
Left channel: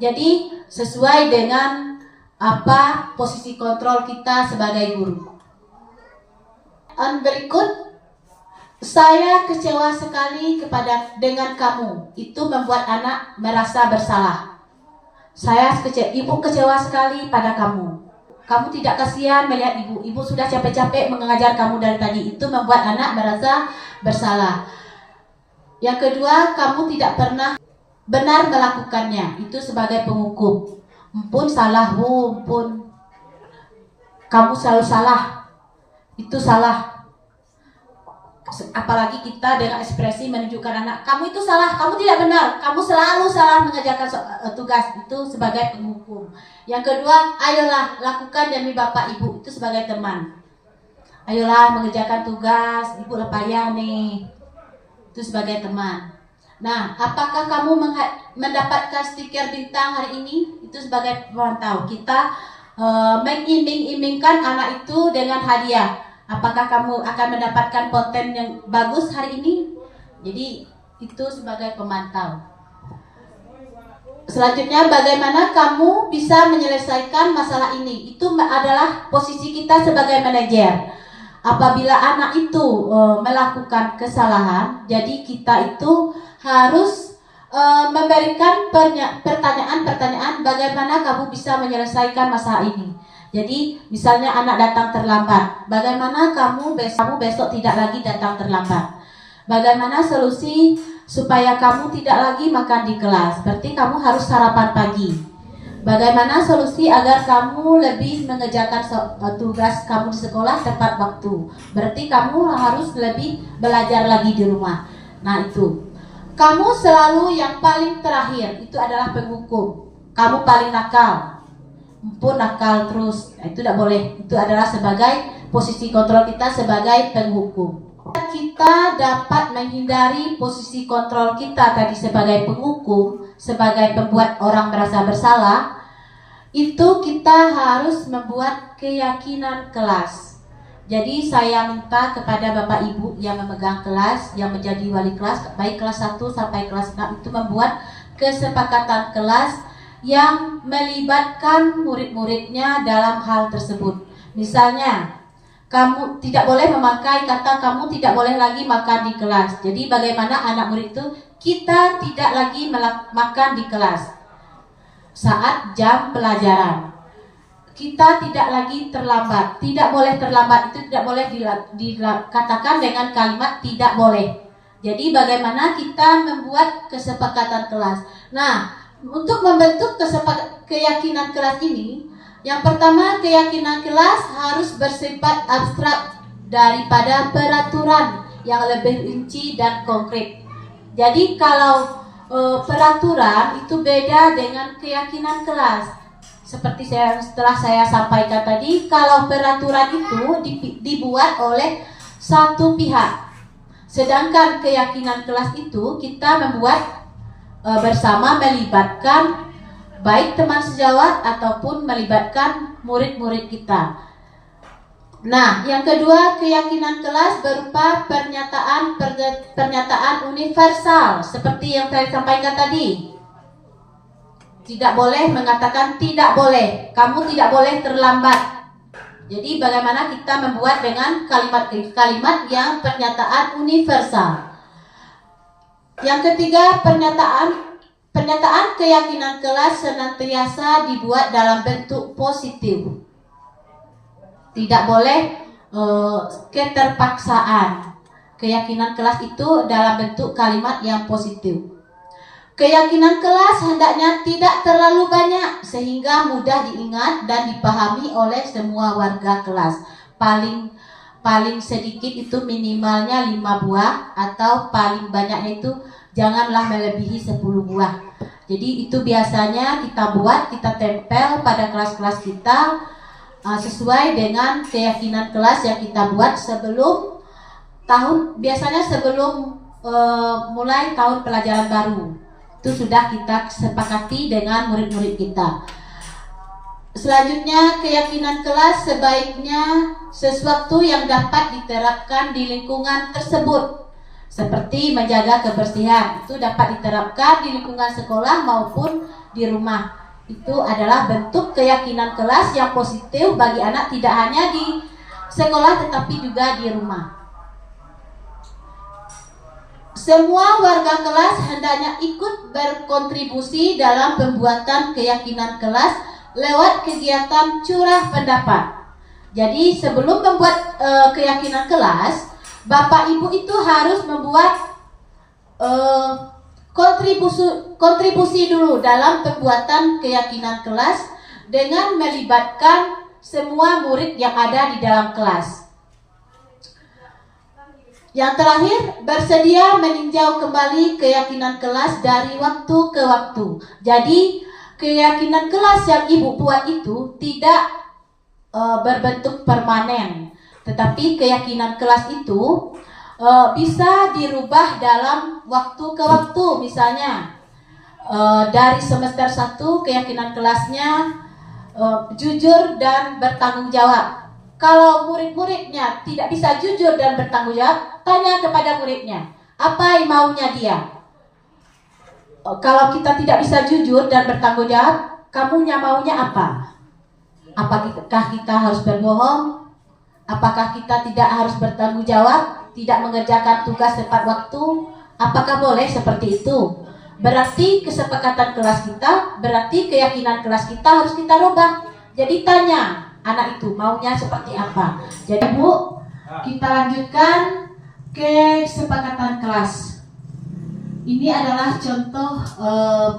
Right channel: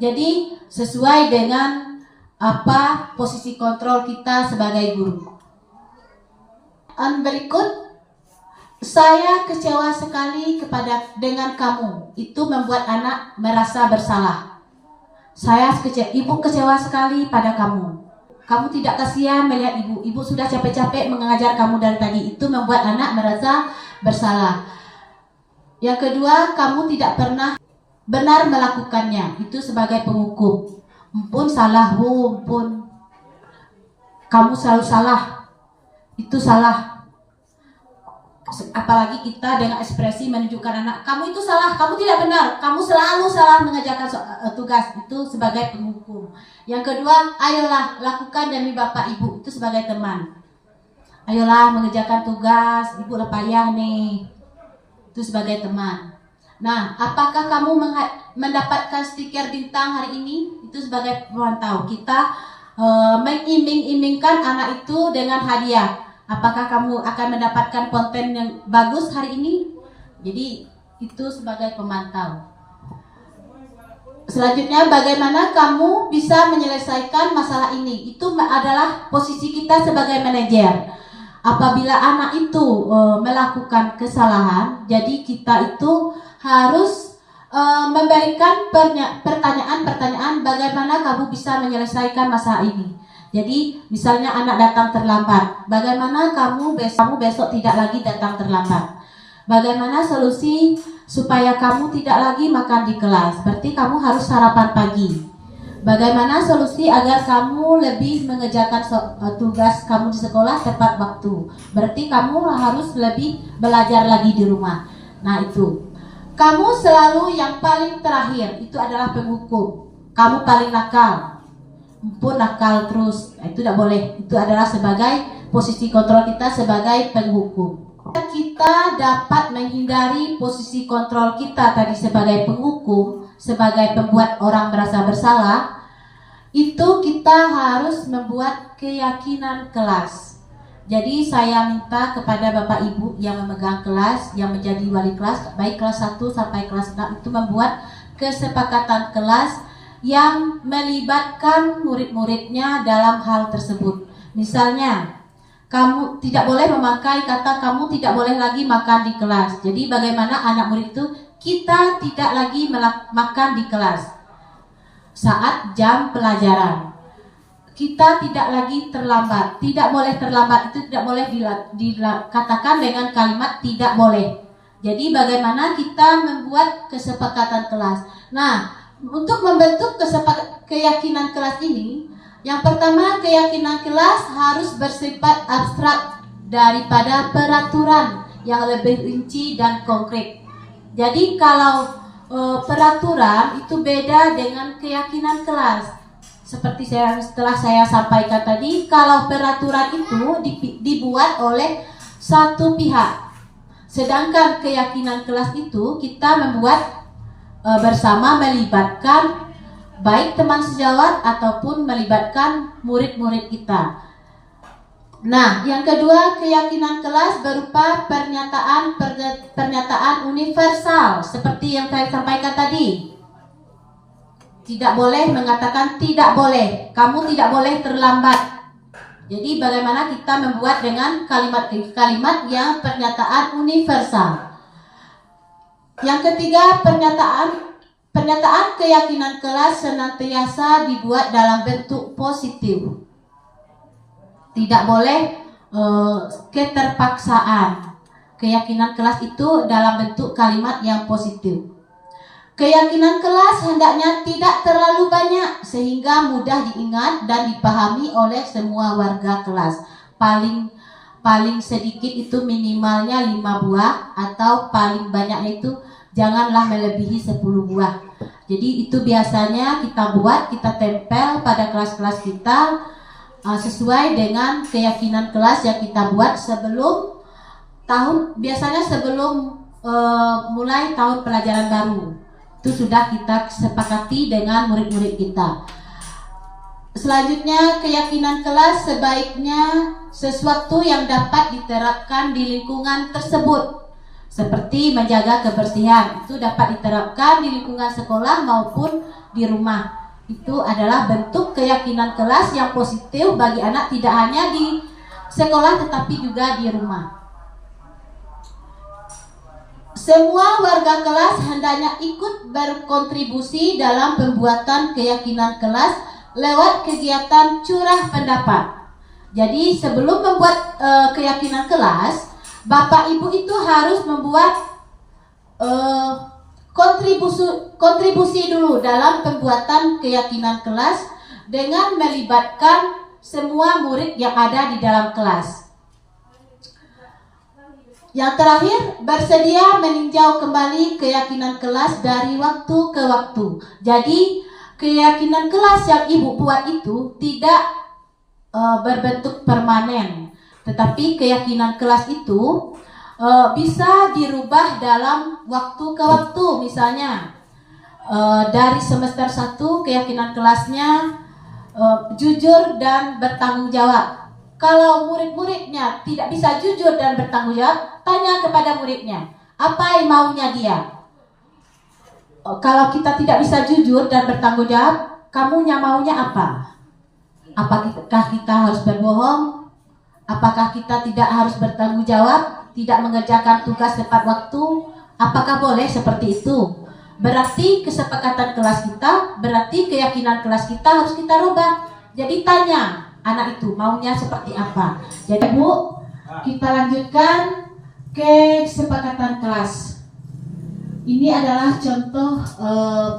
Jadi sesuai dengan apa posisi kontrol kita sebagai guru. Berikut Saya kecewa sekali dengan kamu. Itu membuat anak merasa bersalah. Ibu kecewa sekali pada kamu. Kamu tidak kasihan melihat ibu. Ibu sudah capek-capek mengajar kamu dari tadi. Itu membuat anak merasa bersalah. Yang kedua, kamu tidak pernah benar melakukannya. Itu sebagai penghukum. Ampun salah, ampun. Kamu selalu salah. Itu salah. Apalagi kita dengan ekspresi menunjukkan anak, kamu itu salah, kamu tidak benar, kamu selalu salah mengerjakan tugas. Itu sebagai penghukum. Yang kedua, ayolah lakukan demi bapak ibu. Itu sebagai teman. Ayolah mengerjakan tugas, ibu payah nih. Itu sebagai teman. Nah, apakah kamu mendapatkan stiker bintang hari ini? Itu sebagai pemantau. Kita mengiming-imingkan anak itu dengan hadiah. Apakah kamu akan mendapatkan konten yang bagus hari ini? Jadi itu sebagai pemantau. Selanjutnya, bagaimana kamu bisa menyelesaikan masalah ini? Itu adalah posisi kita sebagai manajer. Apabila anak itu melakukan kesalahan, jadi kita itu harus memberikan pertanyaan-pertanyaan bagaimana kamu bisa menyelesaikan masalah ini. Jadi misalnya anak datang terlambat, bagaimana kamu besok tidak lagi datang terlambat? Bagaimana solusi supaya kamu tidak lagi makan di kelas? Berarti kamu harus sarapan pagi. Bagaimana solusi agar kamu lebih mengerjakan tugas kamu di sekolah tepat waktu? Berarti kamu harus lebih belajar lagi di rumah. Nah itu. Kamu selalu yang paling terakhir, itu adalah penghukum. Kamu paling nakal. Pun nakal terus, itu tidak boleh. Itu adalah sebagai posisi kontrol kita sebagai penghukum. Kita dapat menghindari posisi kontrol kita tadi sebagai penghukum, sebagai pembuat orang merasa bersalah. Itu kita harus membuat keyakinan kelas. Jadi saya minta kepada Bapak Ibu yang memegang kelas, yang menjadi wali kelas, baik kelas 1 sampai kelas 6, itu membuat kesepakatan kelas yang melibatkan murid-muridnya dalam hal tersebut. Misalnya, kamu tidak boleh memakai kata kamu tidak boleh lagi makan di kelas. Jadi bagaimana anak murid itu kita tidak lagi makan di kelas saat jam pelajaran. Kita tidak lagi terlambat. Tidak boleh terlambat, itu tidak boleh dikatakan dengan kalimat tidak boleh. Jadi bagaimana kita membuat kesepakatan kelas. Nah, untuk membentuk keyakinan kelas ini, yang pertama, keyakinan kelas harus bersifat abstrak daripada peraturan yang lebih rinci dan konkret. Jadi kalau peraturan itu beda dengan keyakinan kelas. Seperti setelah saya sampaikan tadi, kalau peraturan itu dibuat oleh satu pihak, sedangkan keyakinan kelas itu kita membuat bersama, melibatkan baik teman sejawat ataupun melibatkan murid-murid kita. Nah, yang kedua, keyakinan kelas berupa pernyataan universal seperti yang saya sampaikan tadi. Tidak boleh mengatakan tidak boleh, kamu tidak boleh terlambat. Jadi bagaimana kita membuat dengan kalimat-kalimat yang pernyataan universal. Yang ketiga, pernyataan keyakinan kelas senantiasa dibuat dalam bentuk positif. Tidak boleh keterpaksaan. Keyakinan kelas itu dalam bentuk kalimat yang positif. Keyakinan kelas hendaknya tidak terlalu banyak sehingga mudah diingat dan dipahami oleh semua warga kelas. Paling sedikit itu minimalnya 5 buah, atau paling banyaknya itu janganlah melebihi 10 buah. Jadi itu biasanya kita buat, kita tempel pada kelas-kelas kita sesuai dengan keyakinan kelas yang kita buat sebelum mulai tahun pelajaran baru. Itu sudah kita sepakati dengan murid-murid kita. Selanjutnya, keyakinan kelas sebaiknya sesuatu yang dapat diterapkan di lingkungan tersebut. Seperti menjaga kebersihan, itu dapat diterapkan di lingkungan sekolah maupun di rumah. Itu adalah bentuk keyakinan kelas yang positif bagi anak, tidak hanya di sekolah tetapi juga di rumah. semua warga kelas hendaknya ikut berkontribusi dalam pembuatan keyakinan kelas lewat kegiatan curah pendapat. Jadi sebelum membuat keyakinan kelas, Bapak Ibu itu harus membuat kontribusi dulu dalam pembuatan keyakinan kelas dengan melibatkan semua murid yang ada di dalam kelas. Yang terakhir, bersedia meninjau kembali keyakinan kelas dari waktu ke waktu. Jadi, keyakinan kelas yang Ibu buat itu tidak berbentuk permanen, tetapi keyakinan kelas itu bisa dirubah dalam waktu ke waktu. Misalnya, dari semester 1 keyakinan kelasnya jujur dan bertanggung jawab. Kalau murid-muridnya tidak bisa jujur dan bertanggung jawab, tanya kepada muridnya, apa yang maunya dia? Kalau kita tidak bisa jujur dan bertanggung jawab, kamunya maunya apa? Apakah kita harus berbohong? Apakah kita tidak harus bertanggung jawab, tidak mengerjakan tugas tepat waktu? Apakah boleh seperti itu? Berarti kesepakatan kelas kita, berarti keyakinan kelas kita harus kita rubah. Jadi tanya anak itu maunya seperti apa. Jadi Bu, kita lanjutkan kesepakatan kelas. Ini adalah contoh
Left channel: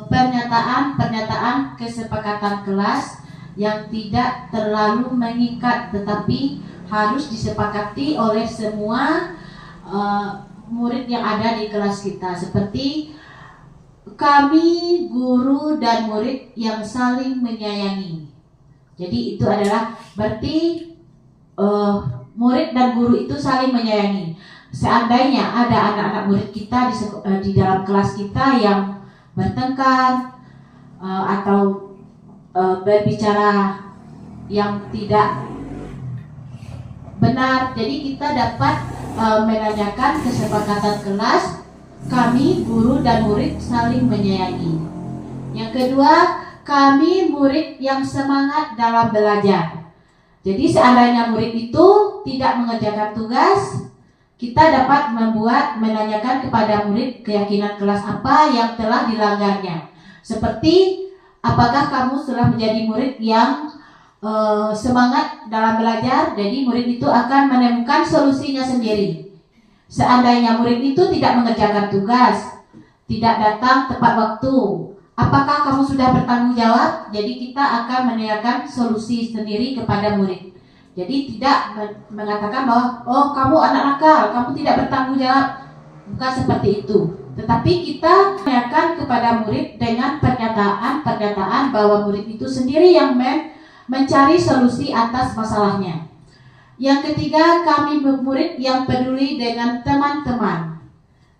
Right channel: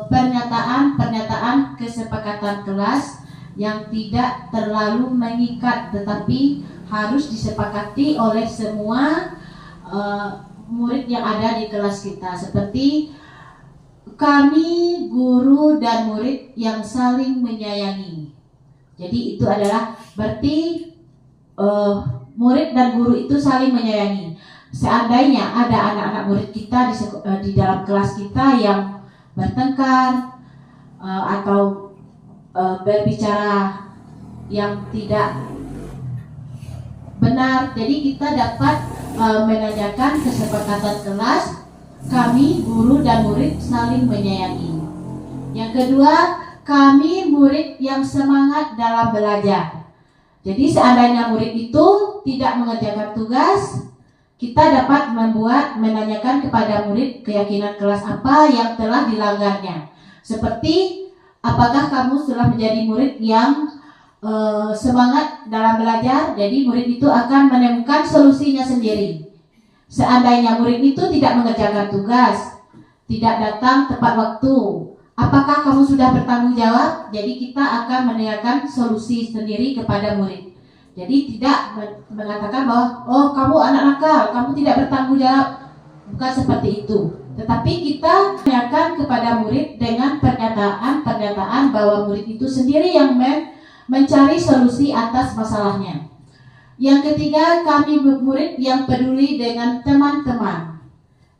pernyataan kesepakatan kelas yang tidak terlalu mengikat, tetapi harus disepakati oleh semua murid yang ada di kelas kita. Seperti kami, guru dan murid yang saling menyayangi. Jadi itu adalah berarti murid dan guru itu saling menyayangi. Seandainya ada anak-anak murid kita di dalam kelas kita yang bertengkar atau berbicara yang tidak benar, jadi kita dapat menanyakan kesepakatan kelas, kami, guru dan murid saling menyayangi. Yang kedua, kami murid yang semangat dalam belajar. Jadi seandainya murid itu tidak mengerjakan tugas, kita dapat menanyakan kepada murid keyakinan kelas apa yang telah dilanggarnya. Seperti, apakah kamu sudah menjadi murid yang semangat dalam belajar? Jadi murid itu akan menemukan solusinya sendiri. Seandainya murid itu tidak mengerjakan tugas, tidak datang tepat waktu, apakah kamu sudah bertanggung jawab? Jadi kita akan menanyakan solusi sendiri kepada murid. Jadi tidak mengatakan bahwa oh kamu anak nakal, kamu tidak bertanggung jawab. Bukan seperti itu. Tetapi kita menanyakan kepada murid dengan pernyataan bahwa murid itu sendiri yang mencari solusi atas masalahnya. Yang ketiga, kami murid yang peduli dengan teman-teman.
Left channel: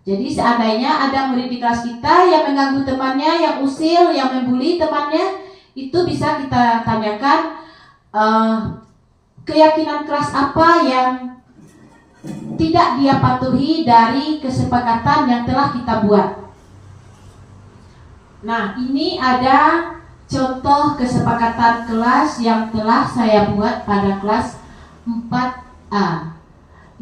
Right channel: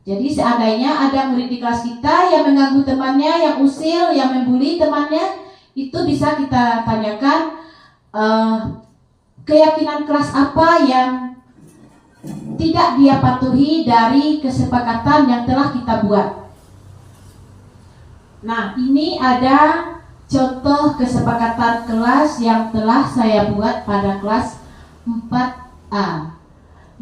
Jadi seandainya ada murid di kelas kita yang mengganggu temannya, yang usil, yang membuli temannya, itu bisa kita tanyakan keyakinan kelas apa yang tidak dia patuhi dari kesepakatan yang telah kita buat. Nah, ini ada contoh kesepakatan kelas yang telah saya buat pada kelas 4A.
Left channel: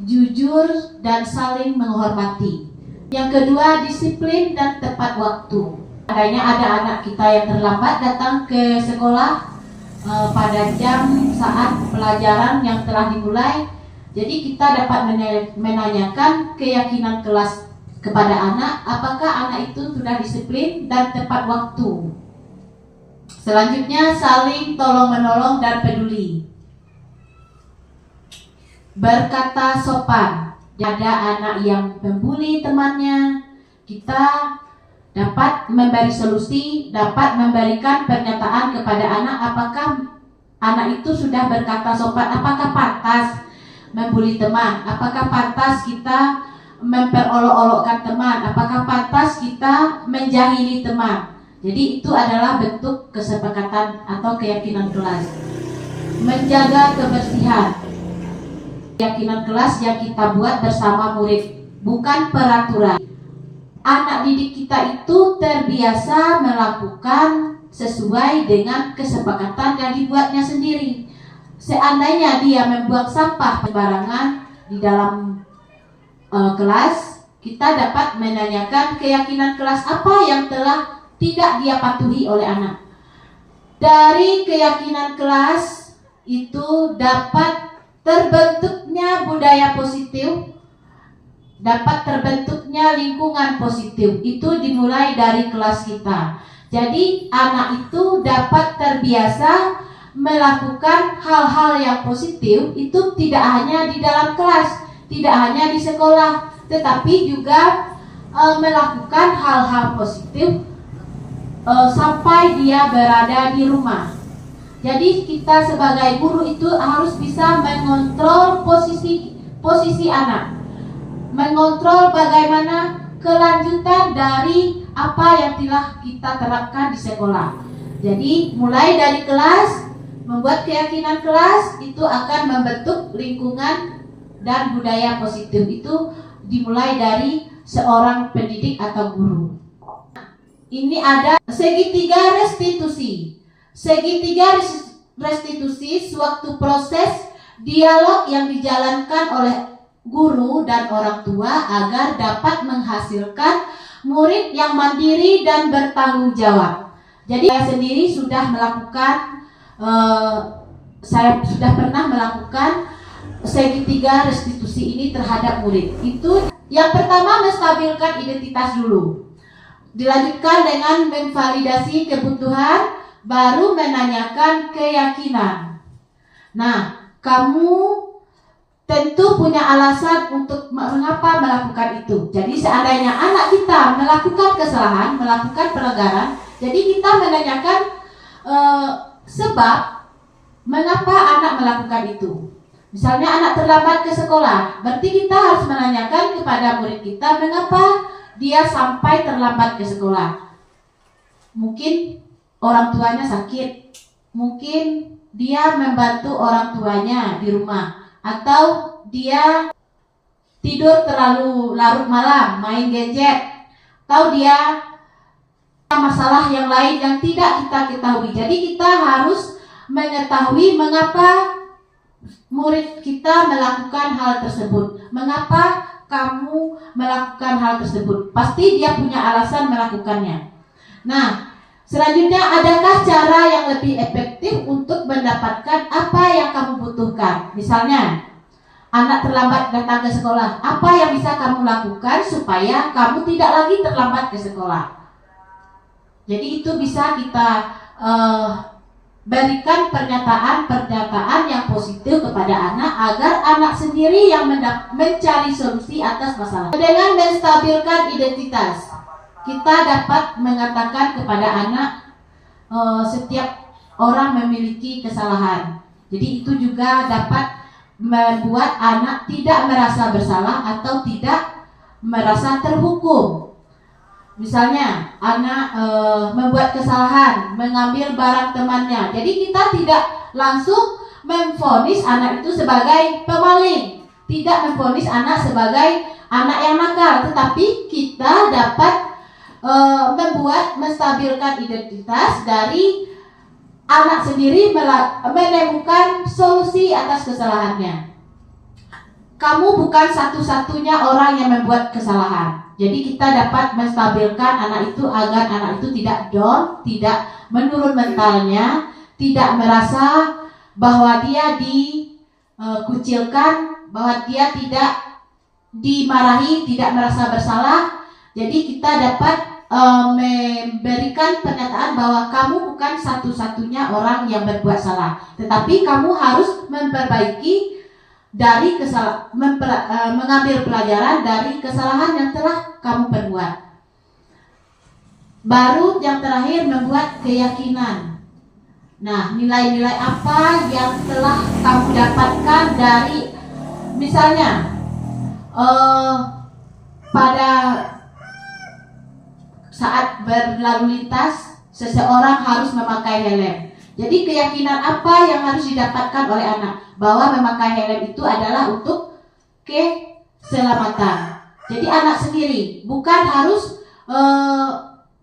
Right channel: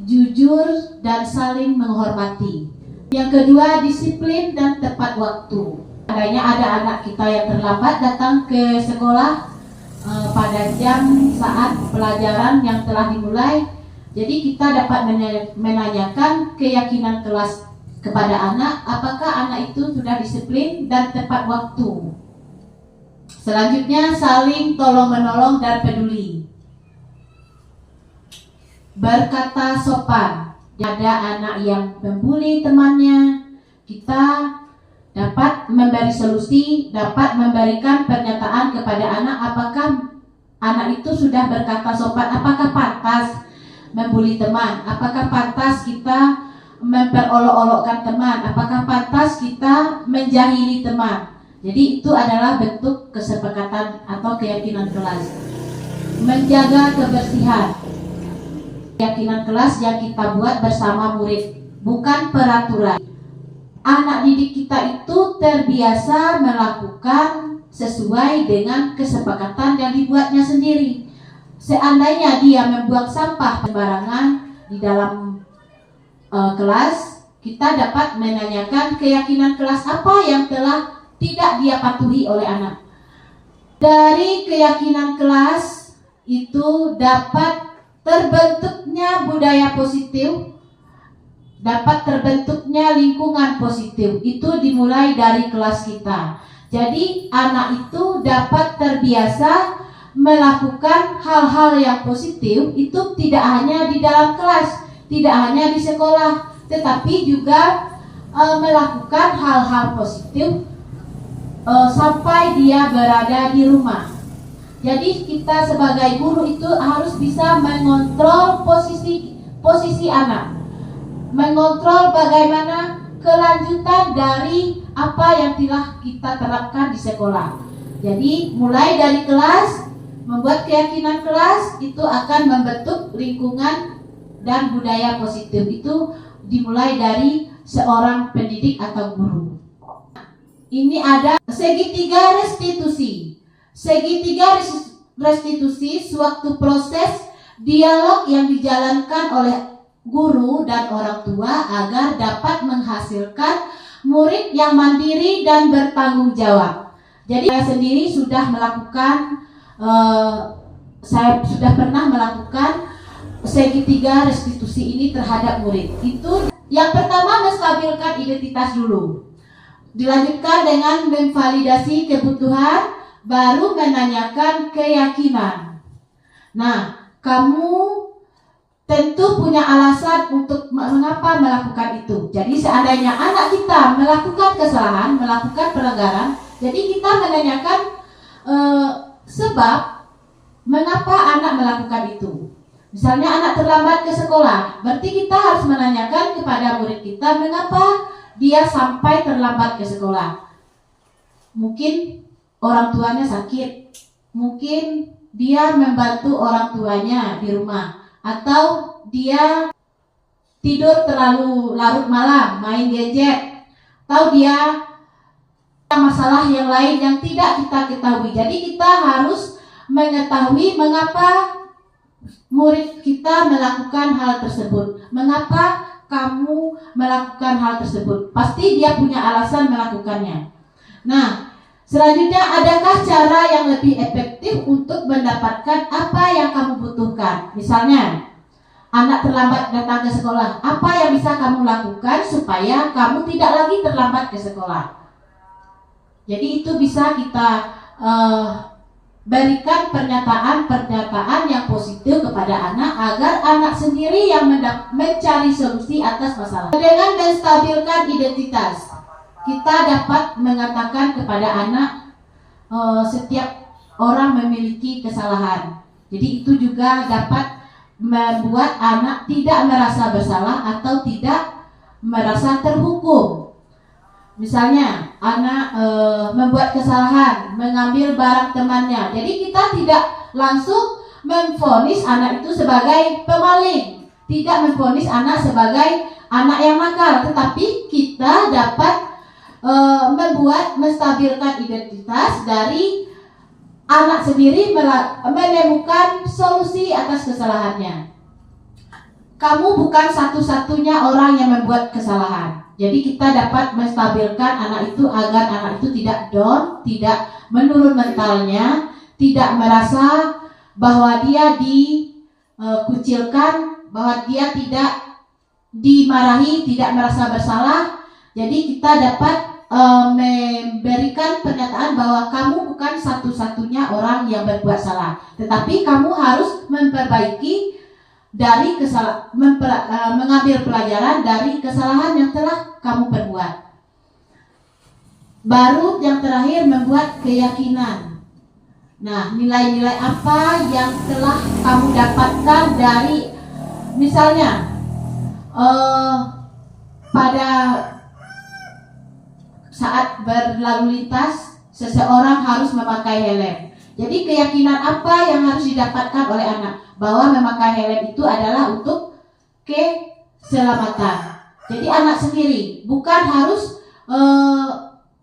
Jujur dan saling menghormati. Yang kedua, disiplin dan tepat waktu. Adanya ada anak kita yang terlambat datang ke sekolah pada jam saat pelajaran yang telah dimulai. Jadi kita dapat menanyakan keyakinan kelas kepada anak, apakah anak itu sudah disiplin dan tepat waktu. Selanjutnya, saling tolong-menolong dan peduli. Berkata sopan. Ada anak yang membuli temannya, kita dapat memberi solusi, dapat memberikan pernyataan kepada anak, apakah anak itu sudah berkata sopan, apakah pantas membuli teman, apakah pantas kita memperolok-olokkan teman, apakah pantas kita menjahili teman. Jadi itu adalah bentuk kesepakatan atau keyakinan kelas. Menjaga kebersihan. Keyakinan kelas yang kita buat bersama murid, bukan peraturan. Anak didik kita itu terbiasa melakukan sesuai dengan kesepakatan yang dibuatnya sendiri. Seandainya dia membuang sampah sembarangan di dalam kelas, kita dapat menanyakan keyakinan kelas apa yang telah tidak dia patuhi oleh anak. Dari keyakinan kelas itu dapat terbentuknya budaya positif, dapat terbentuknya lingkungan positif. Itu dimulai dari kelas kita. Jadi anak itu dapat terbiasa melakukan hal-hal yang positif itu tidak hanya di dalam kelas, tidak hanya di sekolah, tetapi juga melakukan hal-hal positif sampai dia berada di rumah. Jadi kita sebagai guru itu harus bisa mengontrol posisi anak, mengontrol bagaimana kelanjutan dari apa yang telah kita terapkan di sekolah. Jadi mulai dari kelas, membuat keyakinan kelas itu akan membentuk lingkungan dan budaya positif. Itu dimulai dari seorang pendidik atau guru. Ini ada segitiga restitusi. Segitiga restitusi suatu proses dialog yang dijalankan oleh guru dan orang tua agar dapat menghasilkan murid yang mandiri dan bertanggung jawab. Jadi saya sendiri sudah melakukan, saya sudah pernah melakukan segitiga restitusi ini terhadap murid. Itu yang pertama, menstabilkan identitas dulu. Dilanjutkan dengan memvalidasi kebutuhan, baru menanyakan keyakinan. Nah, kamu tentu punya alasan untuk mengapa melakukan itu. Jadi seandainya anak kita melakukan kesalahan, melakukan pelanggaran, jadi kita menanyakan sebab mengapa anak melakukan itu. Misalnya anak terlambat ke sekolah, berarti kita harus menanyakan kepada murid kita mengapa dia sampai terlambat ke sekolah. Mungkin orang tuanya sakit, mungkin dia membantu orang tuanya di rumah, atau dia tidur terlalu larut malam, main gadget, atau dia masalah yang lain yang tidak kita ketahui. Jadi kita harus mengetahui mengapa murid kita melakukan hal tersebut. Mengapa kamu melakukan hal tersebut? Pasti dia punya alasan melakukannya. Nah, selanjutnya, adakah cara yang lebih efektif untuk mendapatkan apa yang kamu butuhkan? Misalnya, anak terlambat datang ke sekolah. Apa yang bisa kamu lakukan supaya kamu tidak lagi terlambat ke sekolah? Jadi itu bisa kita berikan pernyataan yang positif kepada anak agar anak sendiri yang mencari solusi atas masalah. Dengan menstabilkan identitas, kita dapat mengatakan kepada anak setiap orang memiliki kesalahan. Jadi itu juga dapat membuat anak tidak merasa bersalah atau tidak merasa terhukum. Misalnya anak membuat kesalahan, mengambil barang temannya. Jadi kita tidak langsung memvonis anak itu sebagai pemaling, tidak memvonis anak sebagai anak yang nakal, tetapi kita dapat menstabilkan identitas dari anak sendiri menemukan solusi atas kesalahannya. Kamu bukan satu-satunya orang yang membuat kesalahan. Jadi kita dapat menstabilkan anak itu agar anak itu tidak down, tidak menurun mentalnya, tidak merasa bahwa dia dikucilkan, bahwa dia tidak dimarahi, tidak merasa bersalah. Jadi kita dapat memberikan pernyataan bahwa kamu bukan satu-satunya orang yang berbuat salah, tetapi kamu harus memperbaiki dari mengambil pelajaran dari kesalahan yang telah kamu perbuat. Baru yang terakhir, membuat keyakinan. Nah, nilai-nilai apa yang telah kamu dapatkan dari, misalnya pada saat berlalu lintas seseorang harus memakai helm. Jadi keyakinan apa yang harus didapatkan oleh anak? Bahwa memakai helm itu adalah untuk keselamatan. Jadi anak sendiri, bukan harus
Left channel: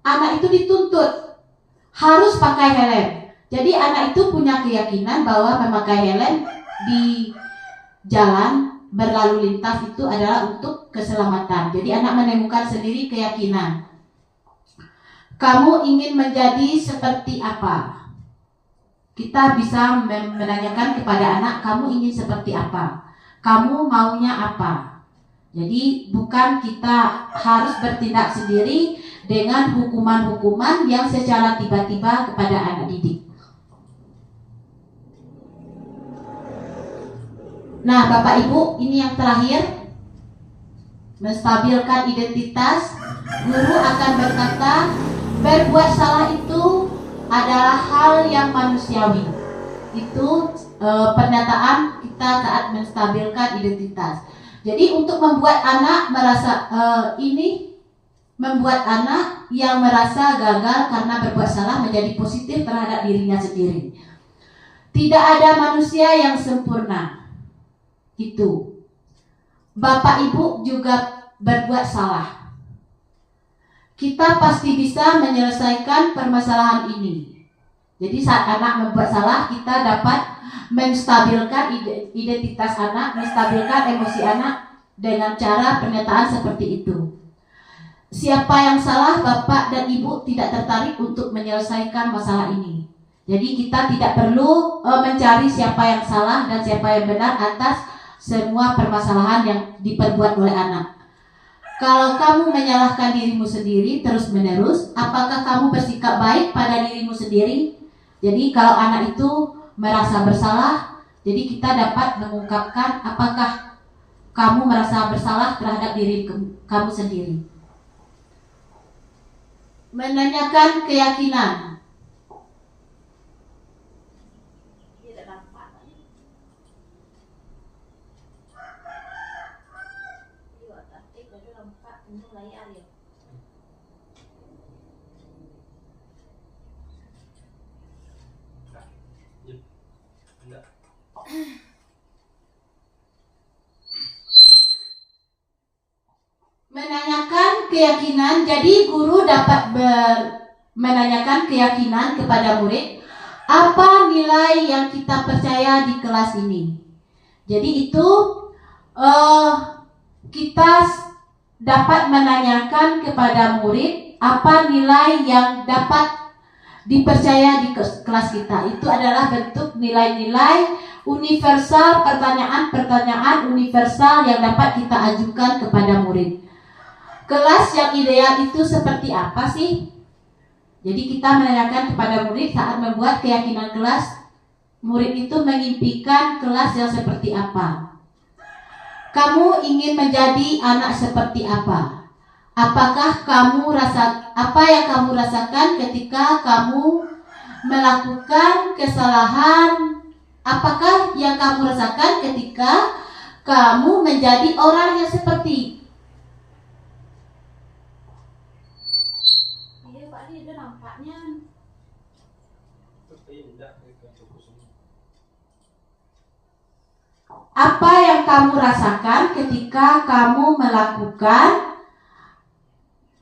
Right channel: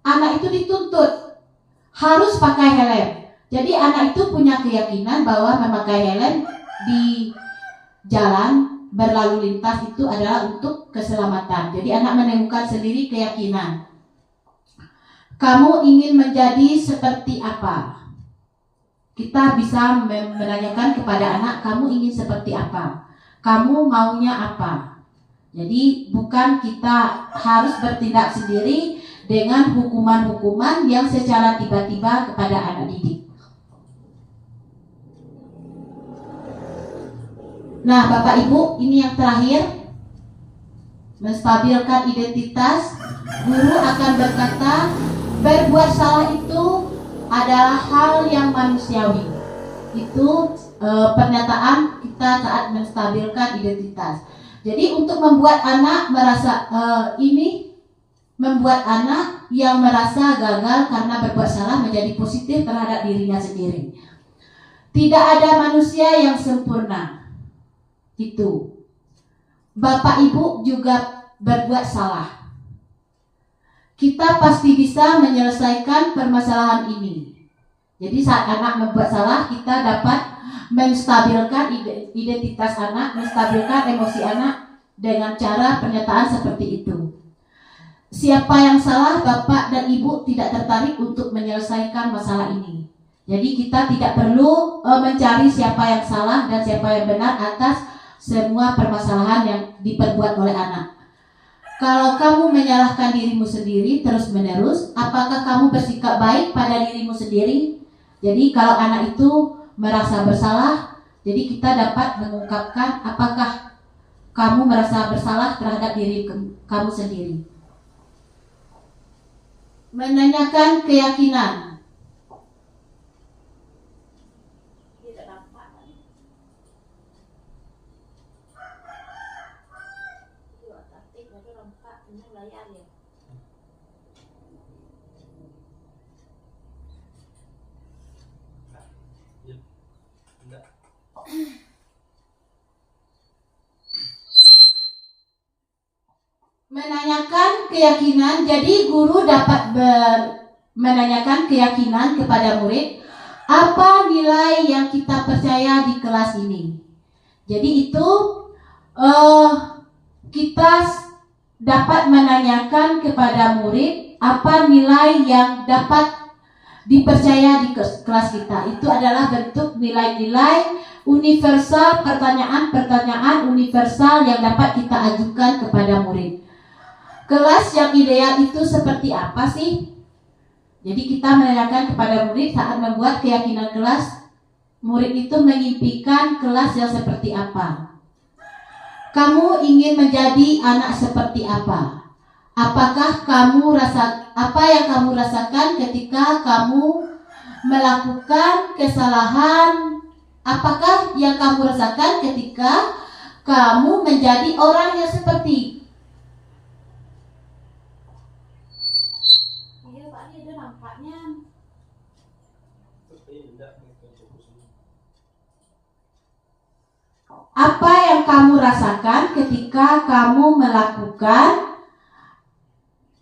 anak itu dituntut harus pakai helm. Jadi anak itu punya keyakinan bahwa memakai helm di jalan berlalu lintas itu adalah untuk keselamatan. Jadi anak menemukan sendiri keyakinan. Kamu ingin menjadi seperti apa? Kita bisa menanyakan kepada anak, kamu ingin seperti apa? Kamu maunya apa? Jadi bukan kita harus bertindak sendiri dengan hukuman-hukuman yang secara tiba-tiba kepada anak didik. Nah, Bapak Ibu, ini yang terakhir. Menstabilkan identitas. Guru akan berkata, berbuat salah itu adalah hal yang manusiawi. Itu pernyataan kita saat menstabilkan identitas. Jadi untuk membuat anak merasa membuat anak yang merasa gagal karena berbuat salah menjadi positif terhadap dirinya sendiri. Tidak ada manusia yang sempurna. Itu. Bapak Ibu juga berbuat salah. Kita pasti bisa menyelesaikan permasalahan ini. Jadi saat anak membuat salah, kita dapat menstabilkan identitas anak, menstabilkan emosi anak dengan cara pernyataan seperti itu. Siapa yang salah, Bapak dan Ibu tidak tertarik untuk menyelesaikan masalah ini. Jadi kita tidak perlu mencari siapa yang salah dan siapa yang benar atas semua permasalahan yang diperbuat oleh anak. Kalau kamu menyalahkan dirimu sendiri terus-menerus, apakah kamu bersikap baik pada dirimu sendiri? Jadi kalau anak itu merasa bersalah, jadi kita dapat mengungkapkan apakah kamu merasa bersalah terhadap diri kamu sendiri. Menanyakan keyakinan. Menanyakan keyakinan, jadi guru dapat menanyakan keyakinan kepada murid, apa nilai yang kita percaya di kelas ini. Jadi itu kita dapat menanyakan kepada murid apa nilai yang dapat dipercaya di kelas kita. Itu adalah bentuk nilai-nilai universal, pertanyaan-pertanyaan universal yang dapat kita ajukan kepada murid. Kelas yang ideal itu seperti apa sih? Jadi kita menanyakan kepada murid saat membuat keyakinan kelas, murid itu mengimpikan kelas yang seperti apa? Kamu ingin menjadi anak seperti apa? Apakah apa yang kamu rasakan ketika kamu melakukan kesalahan? Apakah yang kamu rasakan ketika kamu menjadi orang yang seperti? Iya Pak, ini ada nampaknya. Apa yang kamu rasakan ketika kamu melakukan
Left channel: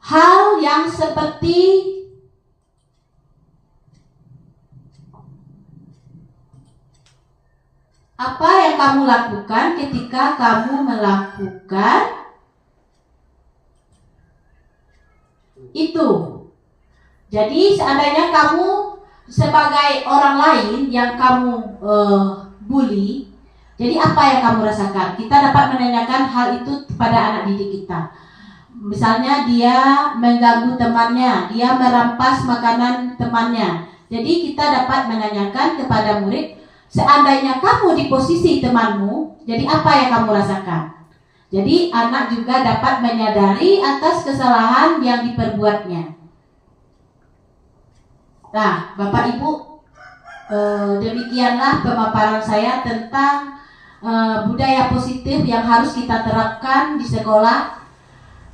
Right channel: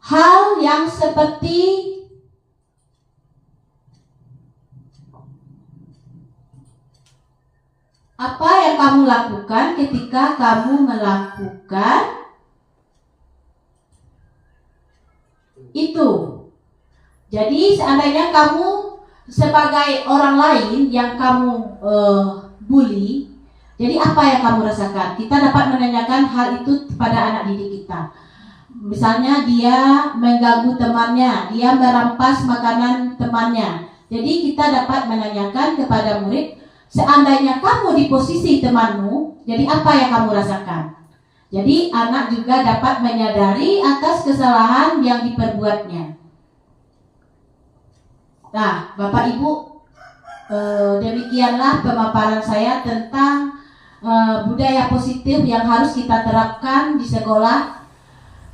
hal yang seperti apa yang kamu lakukan ketika kamu melakukan itu? Jadi seandainya kamu sebagai orang lain yang kamu bully, jadi apa yang kamu rasakan? Kita dapat menanyakan hal itu kepada anak didik kita. Misalnya dia mengganggu temannya, dia merampas makanan temannya. Jadi kita dapat menanyakan kepada murid, seandainya kamu di posisi temanmu, jadi apa yang kamu rasakan? Jadi anak juga dapat menyadari atas kesalahan yang diperbuatnya. Nah, Bapak Ibu, demikianlah pemaparan saya tentang budaya positif yang harus kita terapkan di sekolah,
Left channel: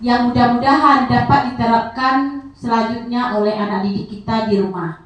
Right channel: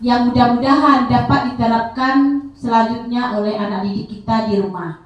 yang mudah-mudahan dapat diterapkan selanjutnya oleh anak didik kita di rumah.